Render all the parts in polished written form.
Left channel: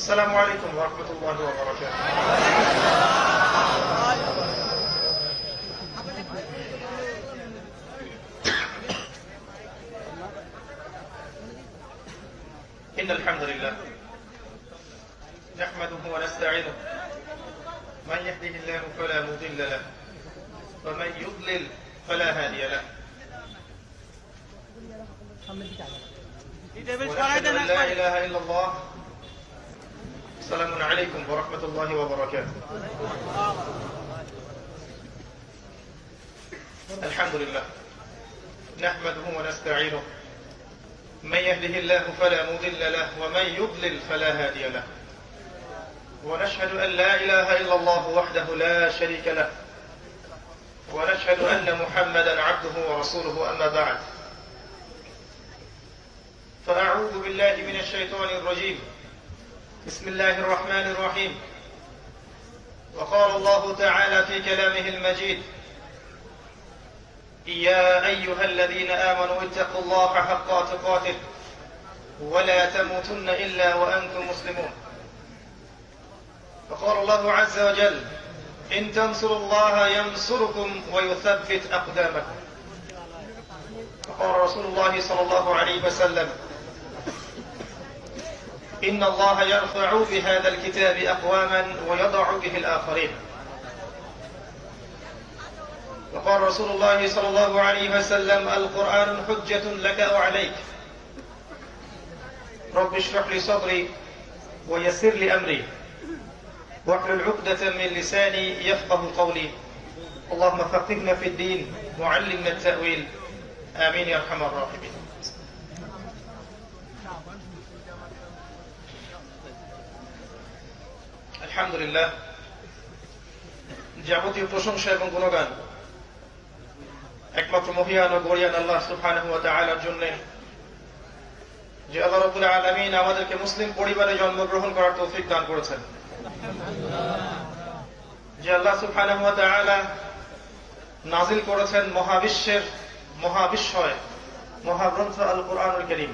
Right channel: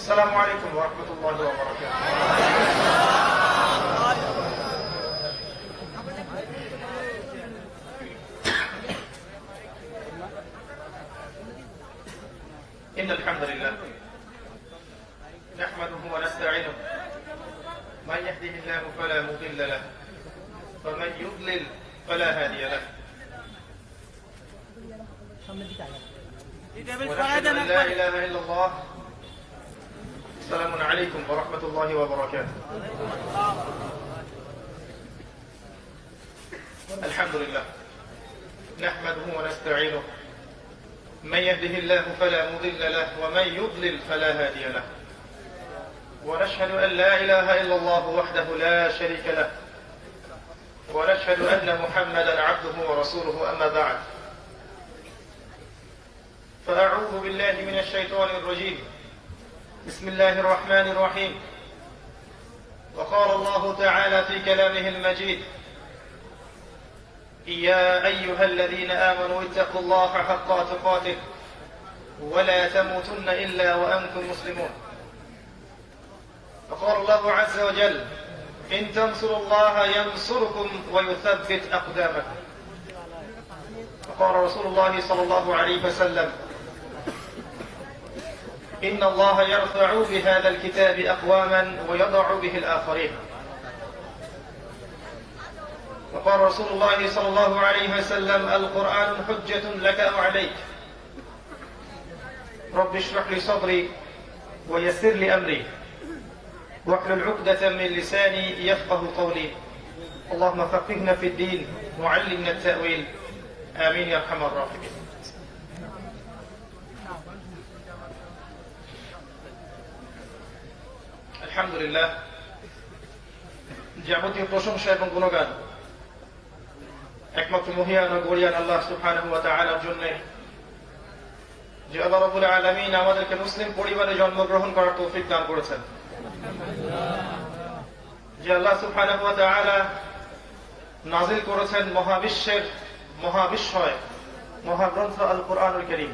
السلام عليكم ورحمة الله وبركاته. إن الحمد لله نحمده ونستعينه، من يهده الله فلا مضل له ومن يضلل فلا هادي له، ونشهد أن لا إله إلا الله. السلام عليكم ورحمة الله وبركاته. الحمد لله نحمده ونستعينه، من يهده الله فلا مضل له ومن يضلل فلا هادي له، ونشهد أن لا إله إلا الله وحده لا شريك له، ونشهد أن محمدا عبده ورسوله. أما بعد، فأعوذ بالله من الشيطان الرجيم. بسم الله الرحمن الرحيم. وقال الله تعالى في كلامه المجيد: يا أيها الذين آمنوا اتقوا الله حق تقاته ولا تموتن إلا وأنتم مسلمون. وقال الله عز وجل: إن تنصروا الله ينصركم ويثبت أقدامكم. وقال رسول الله صلى الله عليه وسلم: إن الله يرفع بهذا الكتاب أقواما ويضع به الآخرين. وقال رسول الله صلى الله عليه وسلم: القرآن حجة لك أو عليك. رب اشرح لي صدري ويسر لي أمري واحلل عقدة من لساني يفقه قولي. اللهم فقهنا في الدين وعلمنا التأويل، آمين يا أرحم الراحمين. আলহামদুলিল্লাহ, যাবতীয় প্রশংসা এবং গুণগান একমাত্র মহিয়ান ও গরিয়ান আল্লাহ সুবহানাহু ওয়া তাআলার জন্য, যে আল্লাহ রাব্বুল আলামিন আমাদেরকে মুসলিম পরিবারে জন্মগ্রহণ করার তৌফিক দান করেছেন, যে আল্লাহ সুবহানাহু ওয়া তাআলা নাযিল করেছেন মহাবিশ্বের মহাবিস্ময় মহাগ্রন্থ আল কুরআনুল কারীম,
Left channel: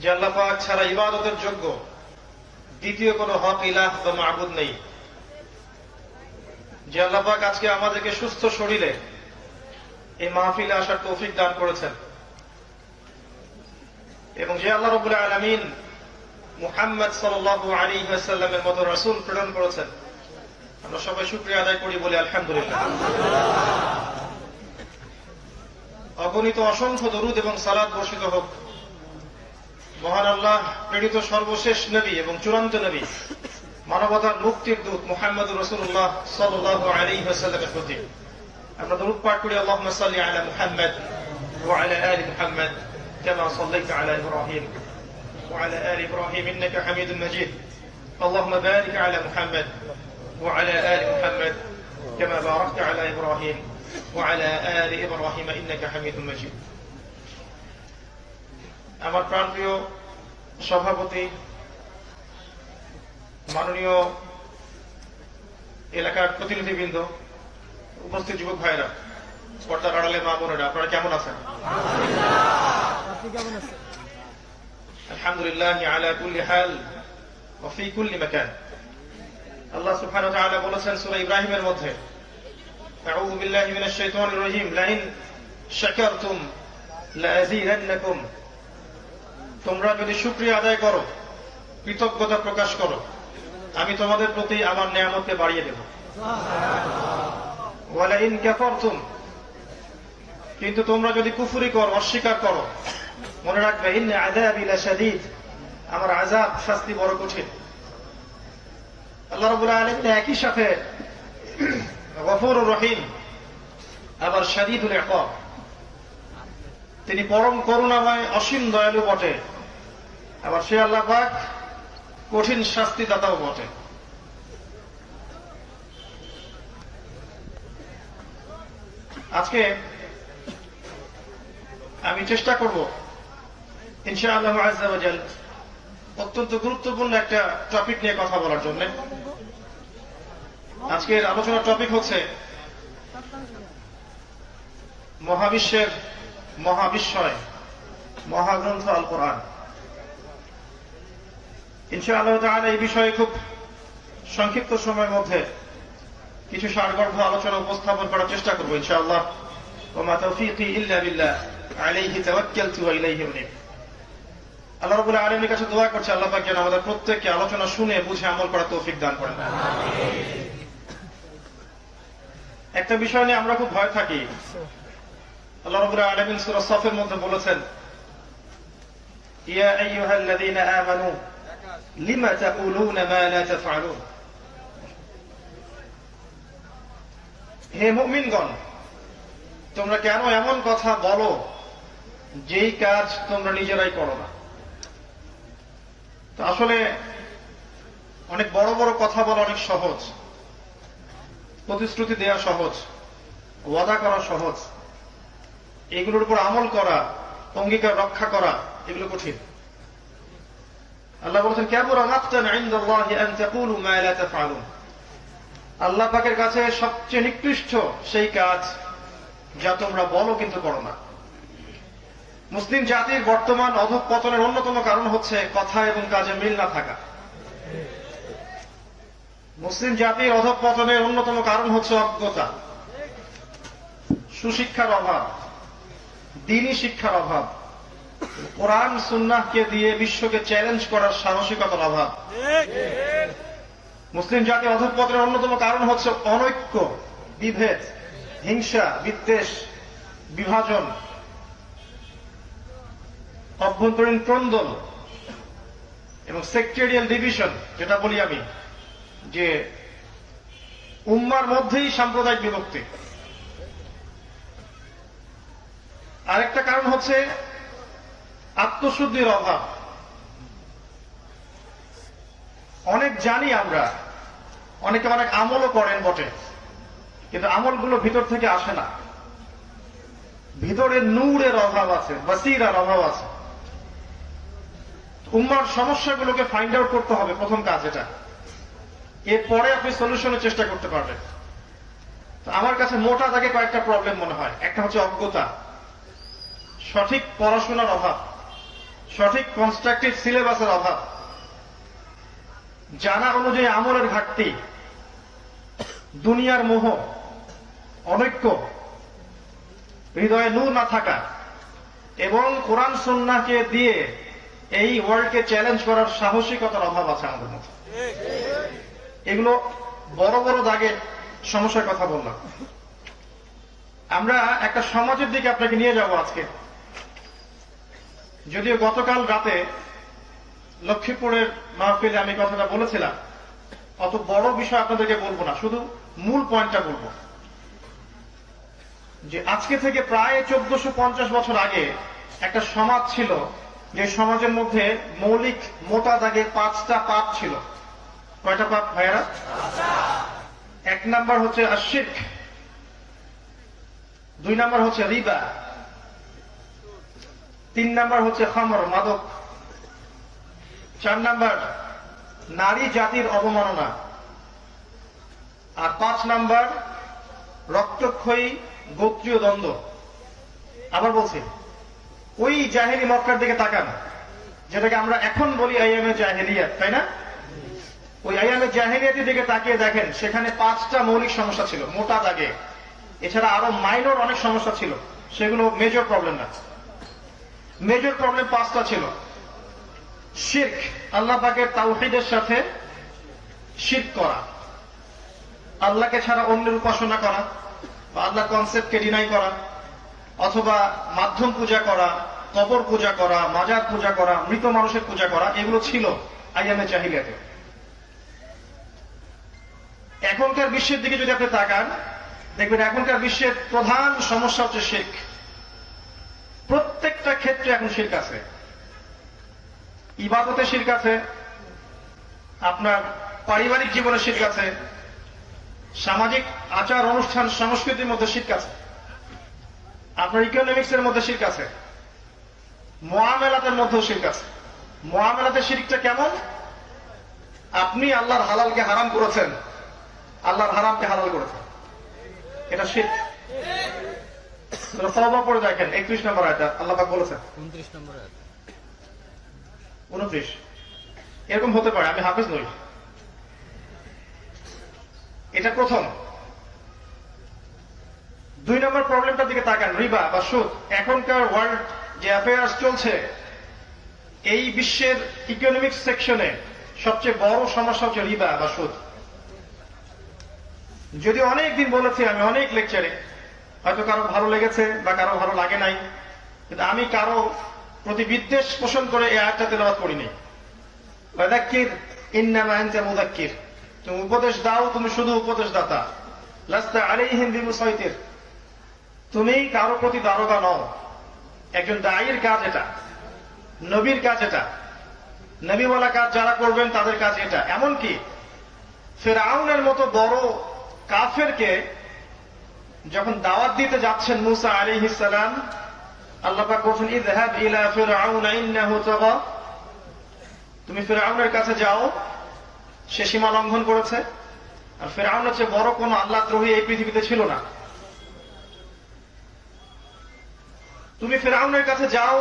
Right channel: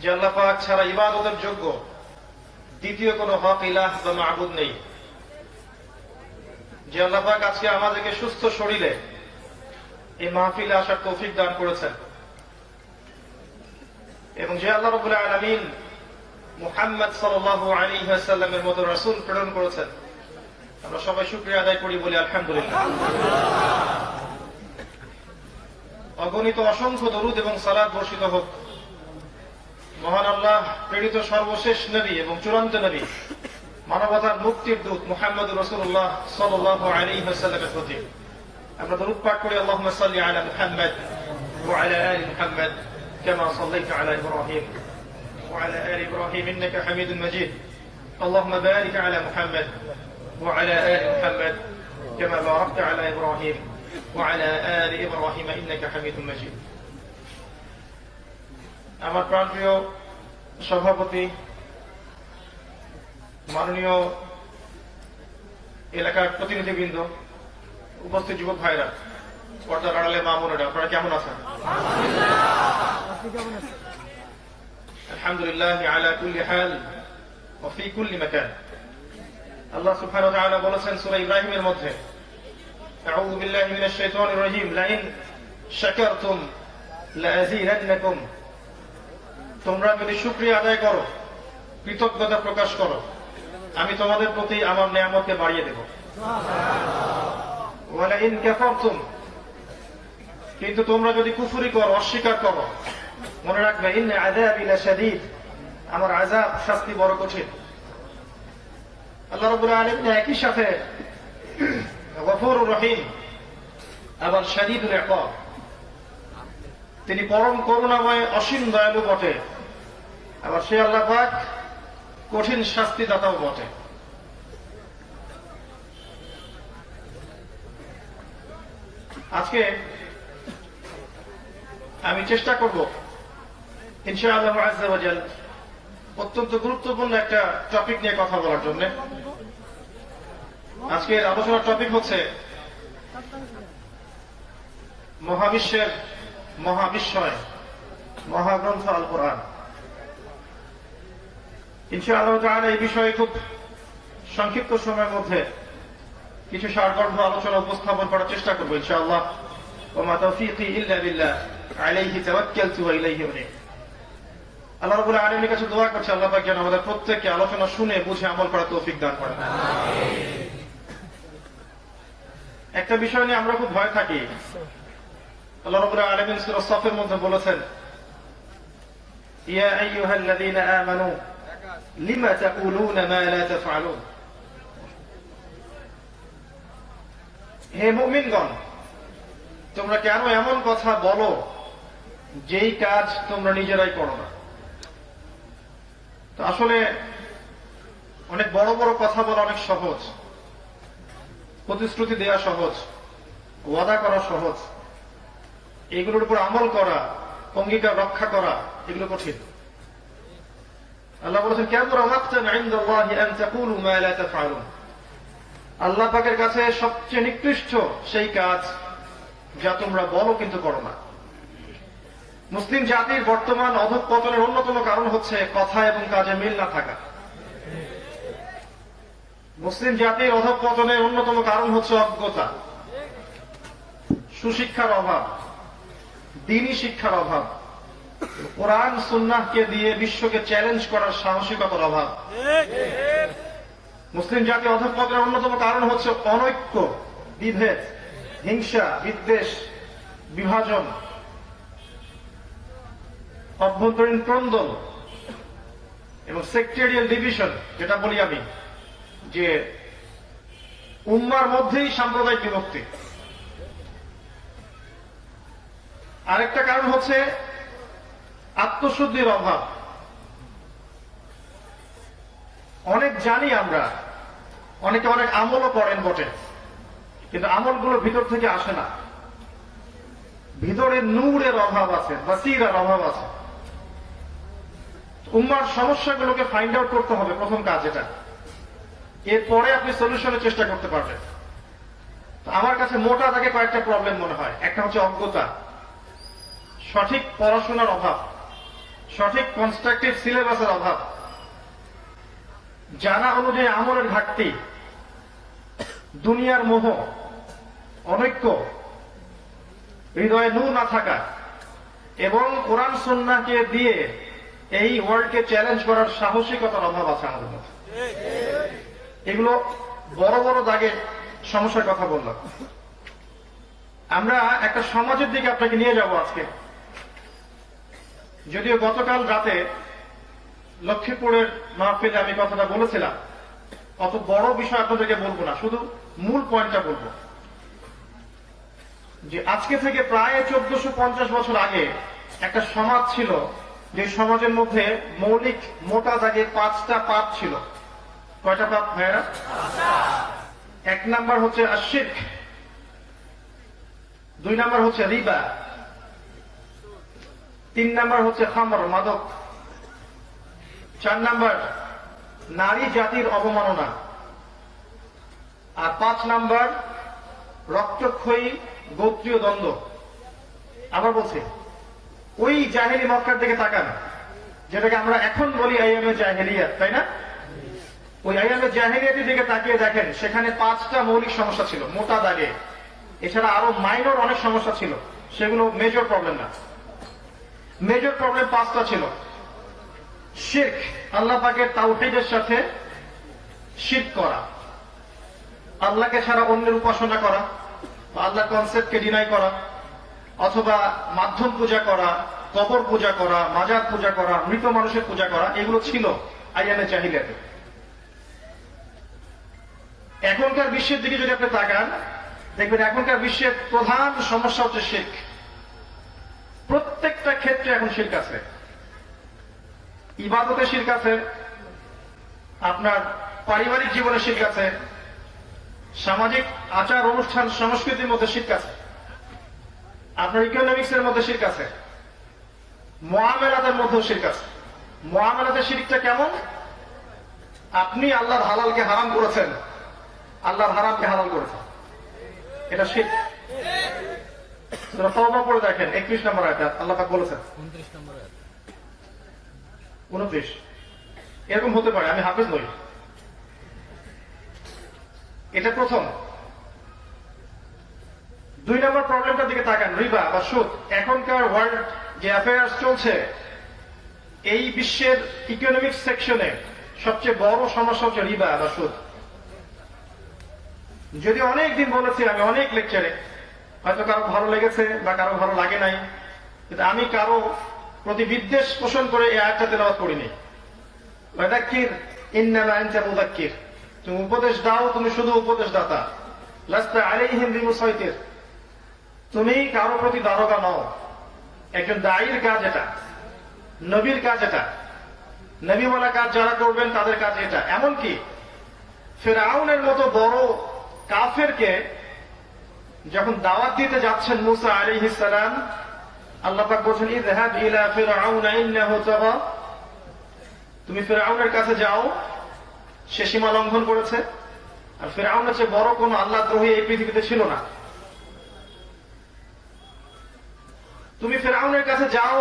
যে আল্লাহ পাক ছাড়া ইবাদতের যোগ্য দ্বিতীয় কোন হক ইলাহ বা মাবুদ নেই, যে আল্লাহ পাক আজকে আমাদেরকে সুস্থ শরীরে এই মাহফিলে আসার তৌফিক দান করেছেন, এবং যে আল্লাহ রাব্বুল আলামিন মুহাম্মদ সাল্লাল্লাহু আলাইহি ওয়াসাল্লামের মতো রাসূল প্রেরণ করেছেন। আমরা সবাই শুকরিয়া আদায় করি, বলি আলহামদুলিল্লাহ। অগণিত অসংখ্য দরুদ এবং সালাত বর্ষিত হোক মহান আল্লাহ প্রেরিত সর্বশেষ নবী এবং চূড়ান্ত নবী, মানবতার মুক্তির দূত মুহাম্মদুর রাসূলুল্লাহ সাল্লাল্লাহু আলাইহি ওয়াসাল্লামের প্রতি। আমরা দরুদ পাঠ করি: আল্লাহুম্মা সাল্লি আলা মুহাম্মদ ওয়া আলা আলি মুহাম্মদ কামা সাল্লাইতা আলা ইব্রাহিম ওয়া আলা আলি ইব্রাহিম ইন্নাকা হামিদুম মাজিদ। আল্লাহুম্মা বারিক আলা মুহাম্মদ ওয়া আলা আলি মুহাম্মদ কামা বারাকতা আলা ইব্রাহিম ওয়া আলা আলি ইব্রাহিম ইন্নাকা হামিদুম মাজিদ। আমার প্রাণপ্রিয় সভাপতি, মাননীয় এলাকার প্রতিনিধিবৃন্দ, উপস্থিত যুবক ভাইরা, পর্দার আড়ালের মা বোনেরা, আপনারা কেমন আছেন? আলহামদুলিল্লাহ আলা কুল্লি হাল ওয়া ফি কুল্লি মাকান। আল্লাহ সুবহানাহু ওয়া তাআলা বলেছেন সূরা ইব্রাহিমের মধ্যে: আউযু বিল্লাহি মিনাশ শাইতানির রাজীম, লাইন শাকারতুম লাযীদান্নাকুম। তোমরা যদি শুকরিয়া আদায় করো, কৃতজ্ঞতা প্রকাশ করো, আমি তোমাদের প্রতি আমার নিয়ামতকে বাড়িয়ে দেব। ওয়ালা ইন কাফারতুম, কিন্তু তোমরা যদি কুফরি করো, অস্বীকার করো, মনে রাখবে ইন্না আযাবি লাশাদীদ, আমার আযাব, শাস্তি বড় কঠিন। আল্লাহ রাব্বুল আলামিন একই সাথে গফুরুর রহিম, আবার শাদীদুল ইকাব, তিনি পরম করুণাময় অসীম দয়ালু বটে, আবার সে আল্লাহ পাক কঠিন শাস্তিদাতাও বটে। আজকে আমি চেষ্টা করব ইনশাআল্লাহ আযজা ওয়া জাল অত্যন্ত গুরুত্বপূর্ণ একটা টপিক নিয়ে কথা বলার জন্য। আজকের আলোচনার টপিক হচ্ছে মহাবিশ্বের মহাবিস্ময় মহাগ্রন্থ আল কোরআন। ইনশাআল্লাহ তাআলা এই বিষয়ে খুব সংক্ষিপ্ত সময়ের মধ্যে কিছু সারগর্ভ আলোচনা উপস্থাপন করার চেষ্টা করবো ইনশাআল্লাহ। ওয়া মা তাওফীকি ইল্লা বিল্লাহ আলাইহি তাওয়াক্কালতু ওয়া ইলাইহি উনীব। আল্লাহ রাব্বুল আলামিনের কাছে দোয়া করছি আল্লাহ পাক যেন আমাদের প্রত্যেককে আলোচনা শুনে বুঝে আমল করার তৌফিক দান করেন। একটা বিষয় নিয়ে আমরা খুব ভয় থাকি। আল্লাহ রাব্বুল আলামিন সূরা সফের মধ্যে বলেছেন, ইয়া আইয়ুহাল্লাযীনা আমানু লিমা তাকুলুনা মা লা তাফআলুন। হে মুমিনগণ, তোমরা কেন এমন কথা বলো যেই কাজ তোমরা নিজেরাই করো না। তো আসলে অনেক বড় বড় কথা বলা অনেক সহজ, প্রতিশ্রুতি দেওয়া সহজ, ওয়াদা করা সহজ, এগুলোর উপর আমল করা, অঙ্গীকার রক্ষা করা এগুলো কঠিন। আল্লাহ বলেছেন, কাবুরা মাকতান ইনদাল্লাহি আন তাকুলু মা লা তাফআলুন। আল্লাহ পাকের কাছে সবচেয়ে নিকৃষ্ট সেই কাজ যা তোমরা বলো কিন্তু করো না। মুসলিম জাতির বর্তমান অধঃপতনের অন্যতম কারণ হচ্ছে কথা এবং কাজে মিল না থাকা। মুসলিম জাতির অধঃপতনের অন্যতম কারণ হচ্ছে অজ্ঞতা, সুশিক্ষার অভাব, দ্বীনি শিক্ষার অভাব, কোরআন সুন্নাহকে দিয়ে বিশ্বকে চ্যালেঞ্জ করার সাহসিকতার অভাব। মুসলিম জাতির অধঃপতনের অন্যতম কারণ হচ্ছে অনৈক্য, বিভেদ, হিংসা, বিদ্বেষ, বিভাজন, অভ্যন্তরীণ ক্রন্দন এবং সেক্টেরিয়াল ডিভিশন, যেটা বলি আমি যে উম্মার মধ্যেই সাম্প্রদায়িক বিভক্তি। আরেকটা কারণ হচ্ছে আত্মশুদ্ধির অভাব। অনেক জানি আমরা, অনেকে অনেক আমলও করেন বটে, কিন্তু আমলগুলো ভিতর থেকে আসে না। ভিতরে নূরের অভাব আছে, বাসিরার অভাব আছে। উম্মার সমস্যাগুলোকে ফাইন্ড আউট করতে হবে, প্রথম কাজ এটা। এরপরে আপনি সলিউশনের চেষ্টা করতে পারবেন। তো আমার কাছে মোটা দাগে কয়েকটা প্রবলেম মনে হয়। একটা হচ্ছে অজ্ঞতা, সঠিক পড়াশোনার অভাব, সঠিক কনস্ট্রাকটিভ সিলেবাসের অভাব, জানা অনুযায়ী আমলের ঘাটতি, দুনিয়ার মোহ, অনৈক্য, হৃদয়ে নূর না থাকা এবং কোরআন সুন্নাহকে দিয়ে এই ওয়ার্ল্ডকে চ্যালেঞ্জ করার সাহসিকতার অভাব আছে আমাদের মধ্যে। এগুলো বড় বড় দাগে সমস্যার কথা বললাম। আমরা একটা সমাজের দিকে আপনাকে নিয়ে যাব আজকে। যদিও গতকাল রাতে লক্ষ্মীপুরের মাহফিলে আমি কথাটা বলেছিলাম, অত বড় বিষয় আপনাদেরকে বলবো না, শুধু মূল পয়েন্টটা বলবো যে আজকে থেকে প্রায় 1450 বছর আগে একটা সমাজ ছিল, যে সমাজের মধ্যে মৌলিক মোটা দাগের 5টা পাপ ছিল। কয়টা পাপ ভাইরা? 1 নাম্বার হচ্ছে আশিরক, 2 নাম্বার হচ্ছে রিবা, 3 নাম্বার হচ্ছে খামর, মাদক, 4 নাম্বার নারী জাতির অবমাননা, আর 5 নাম্বার রক্তক্ষয়ী গোত্রীয় দ্বন্দ্ব। আবার বলছি, ওই জাহেলি মক্কার দিকে তাকান, যেটাকে আমরা এখন বলি আইয়ামে জাহেলিয়াত, তাই না? ওই আইয়ামে জাহেলিয়াতের দিকে তাকিয়ে দেখেন, সেখানে 5টা মৌলিক সমস্যা ছিল মোটা দাগে। এছাড়া আরো মাইনর অনেক সমস্যা ছিল, সেগুলো মেজর প্রবলেম না। মেজর প্রবলেম 5টা ছিল। শিরক, আল্লাহ পাকের তাওহীদের সাথে শিরক করা, আল্লাহকে ছাড়া অন্যের উপাসনা করা, বা আল্লাহ কনসেপ্টকে ডিনাই করা, অথবা মাধ্যম পূজা করা, কবর পূজা করা, মাজার পূজা করা, মৃত মানুষের পূজা করা, এগুলো ছিল আইয়ামে জাহিলিয়াতে। এখনকার বিশ্বের দিকে যদি আপনি তাকান, দেখবেন এখনকার বিশ্বের প্রধান সমস্যা হচ্ছে শিরক। প্রত্যেকটা ক্ষেত্রে এখন শিরক আছে। ইবাদতে শিরক আছে, আপনার পারিবারিক জীবনে শিরক আছে, সামাজিক আচার অনুষ্ঠান সংস্কৃতির মধ্যে শিরক আছে, আপনার ইকোনমিক্সের মধ্যে শিরক আছে, মুআমালাতের মধ্যেও শিরক আছে। মুআমালাতে শিরকটা কেমন? আপনি আল্লাহর হালালকে হারাম করেছেন, আল্লাহর হারামকে হালাল করেছেন, এটা শিরক। তওবা পড়ে দেখেন 31 নম্বর আয়াত আল্লাহ পাক বলেছেন, 29 এরকম হতে পারে, আমি হাফেজ নই। এটা প্রথম। 2 নম্বর প্রবলেমটার দিকে তাকান, রিবা বা সুদ। এখনকার ওয়ার্ল্ড যে অ্যাফেয়ার্স চলছে, এই বিশ্বের ইকোনমিক সেকশনে সবচেয়ে বড় সমস্যা হচ্ছে রিবা বা সুদ। যদি অনেক দিন বলেছি আমি অনেক লেকচারে, হয়তো কারো ভালো লেগেছে বা কারো ভালো লাগে নাই, কিন্তু আমি কারো প্রতি বিদ্বেষ পোষণ করে এই আয়াতটা তেলাওয়াত করিনি। ওয়াদাক্কির ইন্নামা আনতা মুযাক্কির, তুমি উপদেশ দাও, তুমি শুধু উপদেশ দাতা। লাস্তা আলাইহিম বিমুসাইতির, তুমি কারো প্রতি দারোগা নও। একজন দায়ীর কাজ এটা, নবীর কাজ এটা, নবীওয়ালা কাজ যারা করবেন তাদের কাজ এটা। এমনকি ফিরআউনের মতো বড় কাফেরকে যখন দাওয়াত দিতে যাচ্ছেন মুসা আলাইহিস সালাম, আল্লাহ পাক বলেন ইযহাব ইলা ফিরআউন ইন্নাহু তাগা, তুমি ফিরআউনের কাছে যাও, সে সীমা লঙ্ঘন করেছে। আর ফিরআউনের চেয়ে বড় কোন আল্লাহদ্রোহী এই পৃথিবীতে ছিল না। তুমি ফিরআউনের কাছে যাও,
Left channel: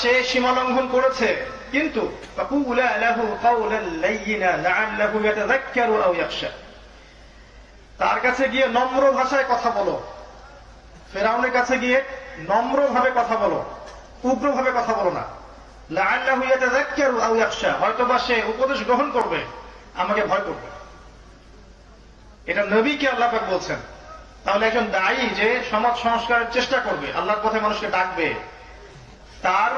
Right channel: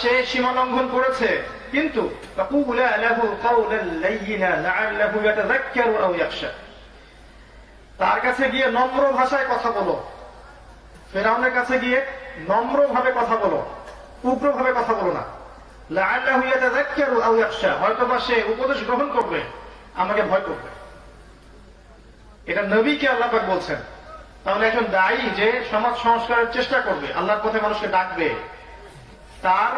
সে সীমা লঙ্ঘন করেছে, কিন্তু ফাকুলা লাহু কাওলান লাইয়িনা লাআল্লাহু ইয়াতাযাক্কারু আও ইয়াখশা, তার কাছে গিয়ে নম্র ভাষায় কথা বলো। ফিরআউনের কাছে গিয়ে নম্রভাবে কথা বলো, উগ্রভাবে কথা বলো না। লাআল্লাহু ইয়াতাযাক্কারু আও ইয়াখশা, হয়তোবা সে উপদেশ গ্রহণ করবে, আমাকে ভয় করবে। এটা নবীকে আল্লাহ পাক বলছেন। তাহলে একজন দায়ী যে সমাজ সংস্কারের চেষ্টা করবে, আল্লাহর পথে মানুষকে ডাকবে, তার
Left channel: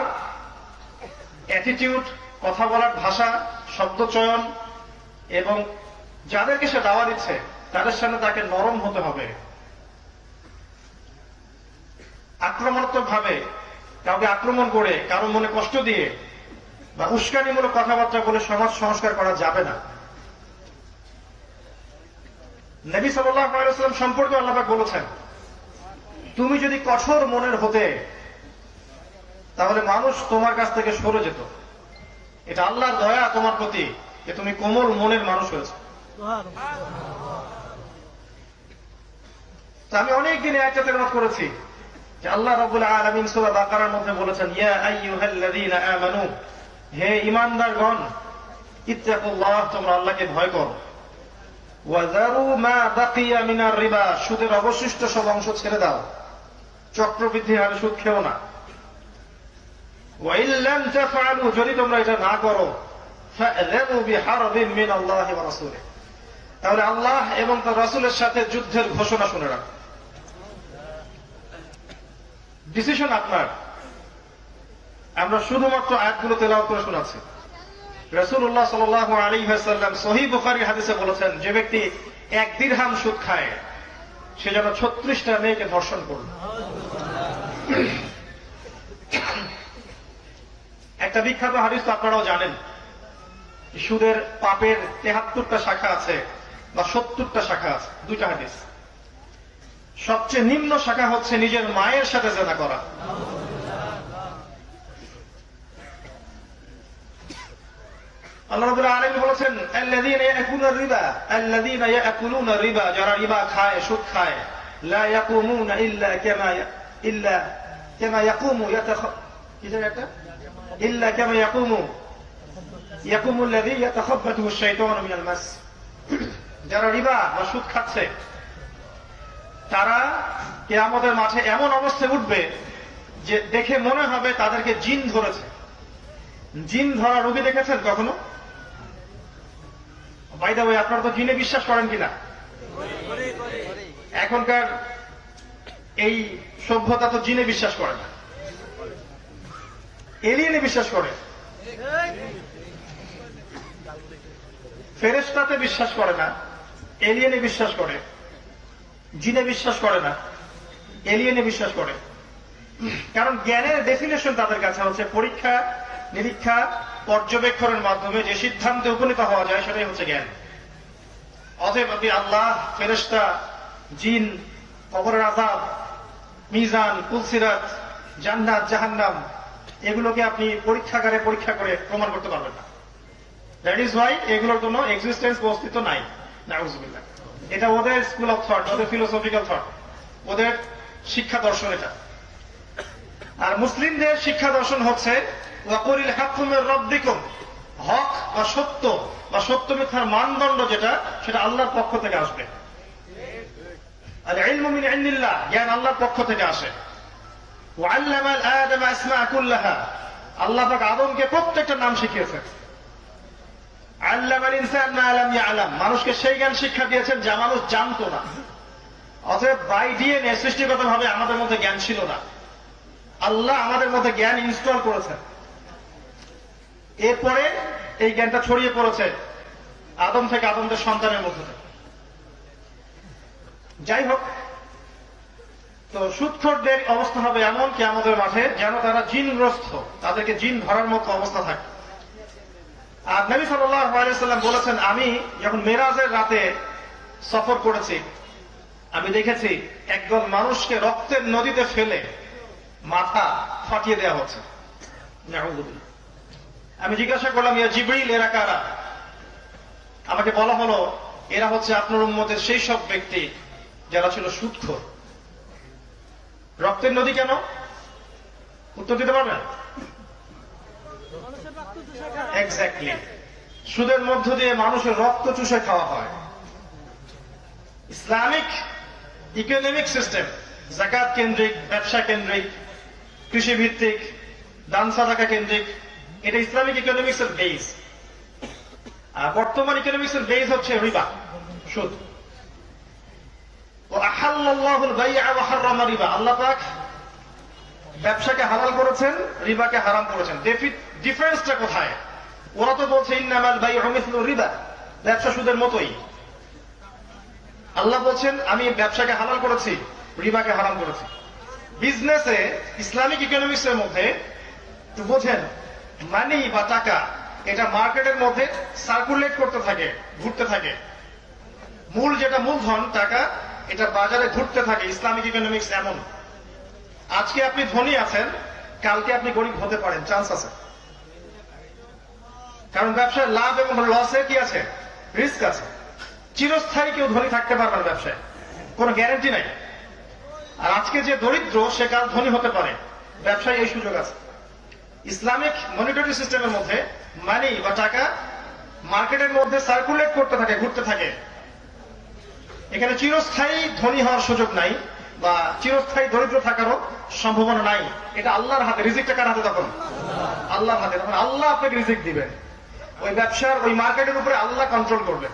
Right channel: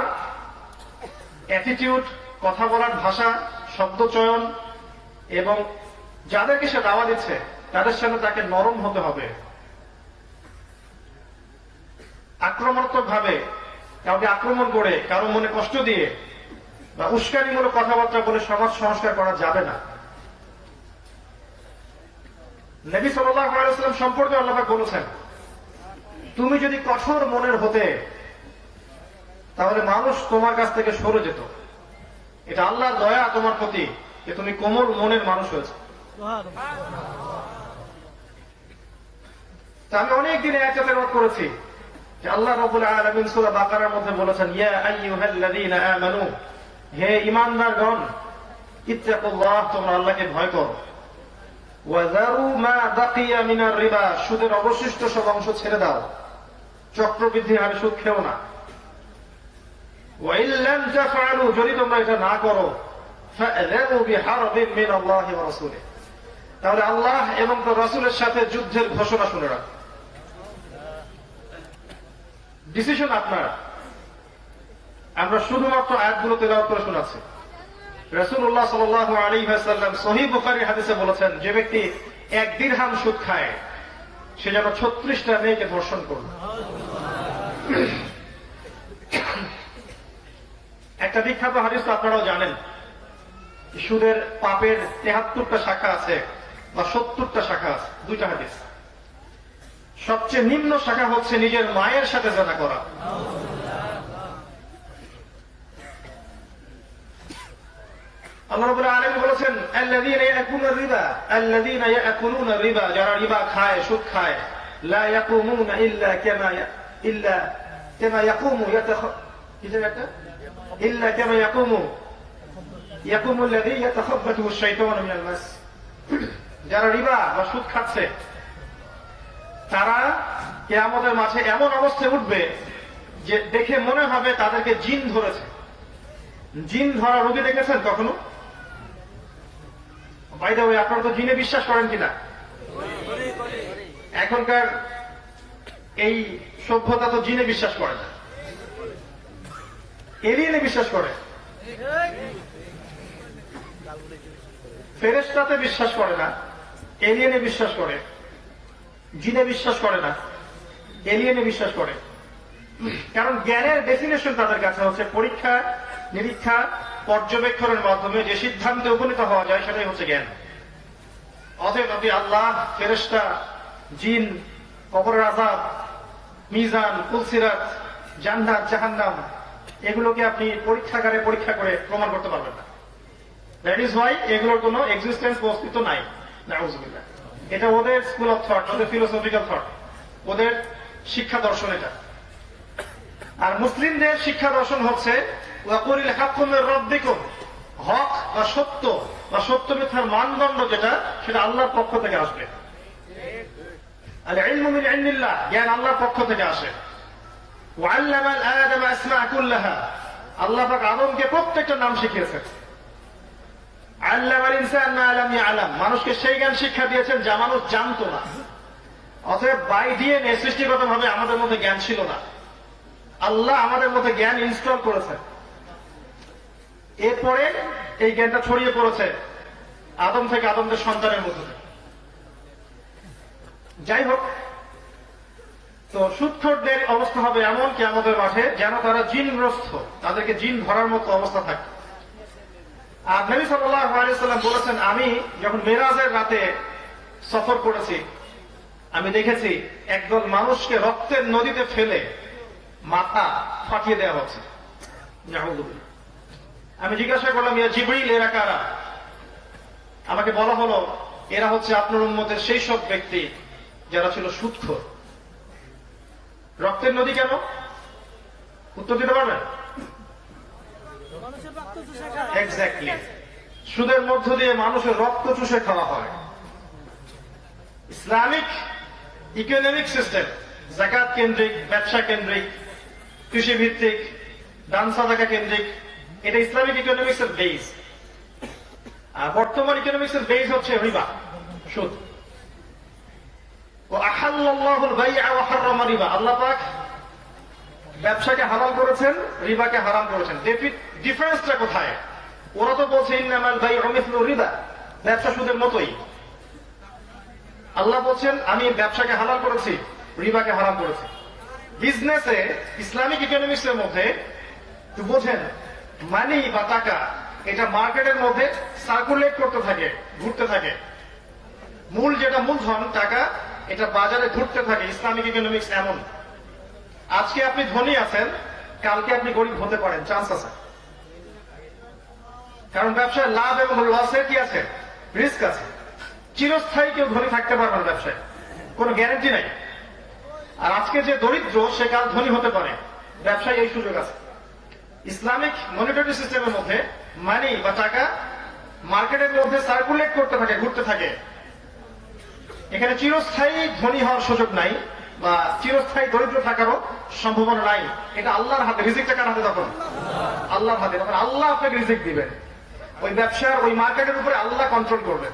অ্যাটিটিউড, কথা বলার ভাষা, শব্দ চয়ন এবং যাদেরকে সে দাওয়া দিচ্ছে তাদের সামনে তাকে নরম হতে হবে। আক্রমণাত্মক ভাবে কাউকে আক্রমণ করে, কারো মনে কষ্ট দিয়ে বা উস্কানিমূলক কথাবার্তা বলে সমাজ সংস্কার করা যাবে না। নবী সাল্লাল্লাহু আলাইহি ওয়াসাল্লাম সম্পর্কে আল্লাহ পাক বলেছেন, তুমি যদি কঠোর মনের হতে তাহলে মানুষ তোমার কাছ থেকে সরে যেত। এটা আল্লাহর দয়া তোমার প্রতি যে তুমি কোমল মনের মানুষ হয়েছে। আমি অনেকদিন আয়াতে তেলাওয়াত করেছি যে আল্লাহ রাব্বুল আলামিন সূরা বাকারার মধ্যে বলেছেন, ইয়া আইয়ুহাল্লাযীনা আমানু, হে ঈমানদারগণ, ইত্তাকুল্লাহ, তোমরা আল্লাহকে ভয় করো। ওয়াযারু মা বাকিয়া মিনার রিবা, সুদের অবশিষ্ট সব অংশ ছেড়ে দাও, চক্রবৃদ্ধি হারে সুদ খেও না। ওয়া ইন লাম তাফআলু, যদি তোমরা এটা না করো, ফাআযানু বিহারবিন মিনাল্লাহি ওয়া রাসূলিহি, তাহলে আল্লাহ এবং তার রাসূলের সাথে যুদ্ধের ঘোষণা শুনে রাখো। ডিসিশন আপনার। আমরা শুধুমাত্র আয়াতগুলো তেলাওয়াত করে শোনাচ্ছি। রাসূলুল্লাহ সাল্লাল্লাহু আলাইহি ওয়াসাল্লাম সহিহ বুখারী হাদিসে বলেছেন, যে ব্যক্তি 1 দিরহাম সুদ খায় সে যেন 36টা মেয়েকে ধর্ষণ করল। একটা বিখ্যাত হাদিস তো আপনারাও জানেন, সুদের পাপের 73টা শাখা আছে বা 70টা শাখা আছে। 2টা হাদিস। সবচেয়ে নিম্ন শাখা হচ্ছে নিজের মায়ের সাথে জিনা করা। আল্লাহ রাব্বুল আলামিন বলেছেন, আল্লাযীনা ইয়াকুলুনা রিবা, যারা রিবা খায়, সুদ খায়, লা ইয়াকুমুনা ইল্লা কামা ইয়াকুমু আল্লাযী ইয়াতাখাব্বাতুহু আশ-শাইতানু মিনাল মাস। যারা রিবা বা সুদ খাচ্ছে তারা কিয়ামতের মাঠে এমন অবস্থায় উঠবে যে দেখে মনে হবে তাদেরকে জিন ধরেছে। জিন ধরা রোগী দেখেছেন কখনো? বাই দ্য ওয়ে, আপনারা তো জিনে বিশ্বাস করেন কিনা? এখনকার এই সভ্যতা তো জিনে বিশ্বাস করে না, এলিয়েনে বিশ্বাস করে। ফেরেশতাতে বিশ্বাস করে না, এলিয়েনে বিশ্বাস করে। জিনে বিশ্বাস করে না, এলিয়েনে বিশ্বাস করে। কারণ জ্ঞানের ডেফিনেশন তাদের কাছে হচ্ছে পরীক্ষা নিরীক্ষা পর্যবেক্ষণের মাধ্যমে যে সিদ্ধান্তে উপনীত হওয়া যায় সেটাই হচ্ছে জ্ঞান। অতএব আপনি আল্লাহ, ফেরেশতা, জিন, কবরের আযাব, মিজান, কুলসিরাত, জান্নাত, জাহান্নাম, এগুলোকে আপনি পরীক্ষাগারে পরীক্ষা করে প্রমাণ করতে পারবেন না। দ্যাট ইজ ওয়াই এগুলোর কোনো এক্সিস্টেন্স বা অস্তিত্ব নাই। নাউযুবিল্লাহ। এটা ওদের স্কুল অফ থট, ওদের ফিলোসফিক্যাল থট, ওদের শিক্ষা দর্শন এটা। আর মুসলিমদের শিক্ষা দর্শন হচ্ছে ওয়াকুলিল হাক্কু মির রাব্বিকুম, হক বা সত্য বা সত্য মিথ্যার মানদণ্ড যেটা, সেটা আল্লাহর পক্ষ থেকে আসবে। আর ইলমু মিন ইনদিল্লাহ, জ্ঞান আল্লাহর পক্ষ থেকে আসে। ওয়াল্লামা আদম আসমা কুল্লাহা, আল্লাহ পাক আদমকে প্রত্যেকটা নাম শিখিয়েছেন। আল্লামাল ইনসান মা লাম ইয়ালাম, মানুষকে সেই জ্ঞান শিক্ষা দিয়েছেন যা মানুষ জানতো না। অতএব বাই ডিএনএ সৃষ্টিগতভাবে আমাদের মধ্যে জ্ঞান ছিল না, আল্লাহ আমাদের মধ্যে জ্ঞান ইনস্টল করেছেন। এরপরে এই জ্ঞানটা ছড়িয়ে পড়েছে আদম থেকে আদমদের সন্তানের মধ্যে থেকে। যাই হোক, তো সুদখোরদের অবস্থা হবে এমন কিয়ামতের মাঠে যেন তারা জিনগ্রস্ত, তাদেরকে জিন ধরার মতো অবস্থা থাকে। আর নবী সাল্লাল্লাহু আলাইহি সাল্লাম বলেছেন, আমি যখন মেরাজের রাতে সফর করেছি, আমি দেখেছি একদল মানুষকে রক্তের নদীতে ফেলে মাথা ফাটিয়ে দেওয়া হচ্ছে। নাউযুবিল্লাহ। আমি জিজ্ঞাসা করলাম, ইয়া জিবরিল, এরা কারা? আমাকে বলা হলো, এরা হচ্ছে আপনার উম্মতের সেই সব ব্যক্তি যারা ছিল সুদখোর। রক্তের নদী কেন? উত্তর দিতে পারবেন? এক্স্যাক্টলি, সুদের মধ্য দিয়ে মানুষের রক্ত চুষে খাওয়া হয়। ইসলামিক ইকোনমিক সিস্টেম যাকাত কেন্দ্রিক, ব্যবসা কেন্দ্রিক, কৃষি ভিত্তিক, দান সাদাকা কেন্দ্রিক, এটা ইসলামিক ইকোনমিক্স এর বেস। আর বর্তমান ইকোনমিক্স এর বেস হচ্ছে রিবা, সুদ। আহাল্লাল্লাহুল বাই'a ওয়া হাররামা রিবা, আল্লাহ পাক ব্যবসাকে হালাল করেছেন, রিবাকে হারাম করেছেন। ডিফারেন্সটা কোথায়? ওরা তো বলছে ইন্নামাল বাই'উ মিসলু রিবা, ব্যবসা সুদের মতোই। আল্লাহ বলছেন আমি ব্যবসাকে হালাল করেছি, রিবাকে হারাম করেছি। বিজনেসে ইসলামিক ইকোনমিক্স এর মধ্যে একটু বোঝেন, মানি বা টাকা এটা মার্কেটের মধ্যে সার্কুলেট করতে থাকে, ঘুরতে থাকে। মূল যেটা মূলধন টাকা, এটা বাজারে ঘুরতে থাকে। ইসলামিক ইকোনমিক্স এমন, আজকে আপনি ধনী আছেন, কালকে আপনি গরিব হতে পারেন, চান্স আছে। কারণ ব্যবসায় লাভ এবং লসের কি আছে? রিস্ক আছে। চিরস্থায়ী কেউ ধনী থাকতে পারবে না ব্যবসায়, কোনো গ্যারান্টি নাই। আর আজকে যে দরিদ্র, সে কাল ধনী হতে পারে, ব্যবসায় এই সুযোগ আছে। ইসলামিক মনিটারি সিস্টেমের মধ্যে মানি বা টাকা মার্কেটের মধ্যে সার্কুলেট করতে থাকে, ঘুরতে থাকে। এখানে চিরস্থায়ী ধনী হওয়ার সুযোগ নাই বা চিরস্থায়ী দরিদ্র থাকারও সম্ভাবনা নাই। এটা আল্লাহর হাতে। রিজিকটা কার হাতে? তখন আল্লাহর হাতে। তখন আল্লাহ আপনাকে রিজিক দিবেন। ওই ব্যবসার, ওই মার্কেটের উপরে আল্লাহ কন্ট্রোল করবেন।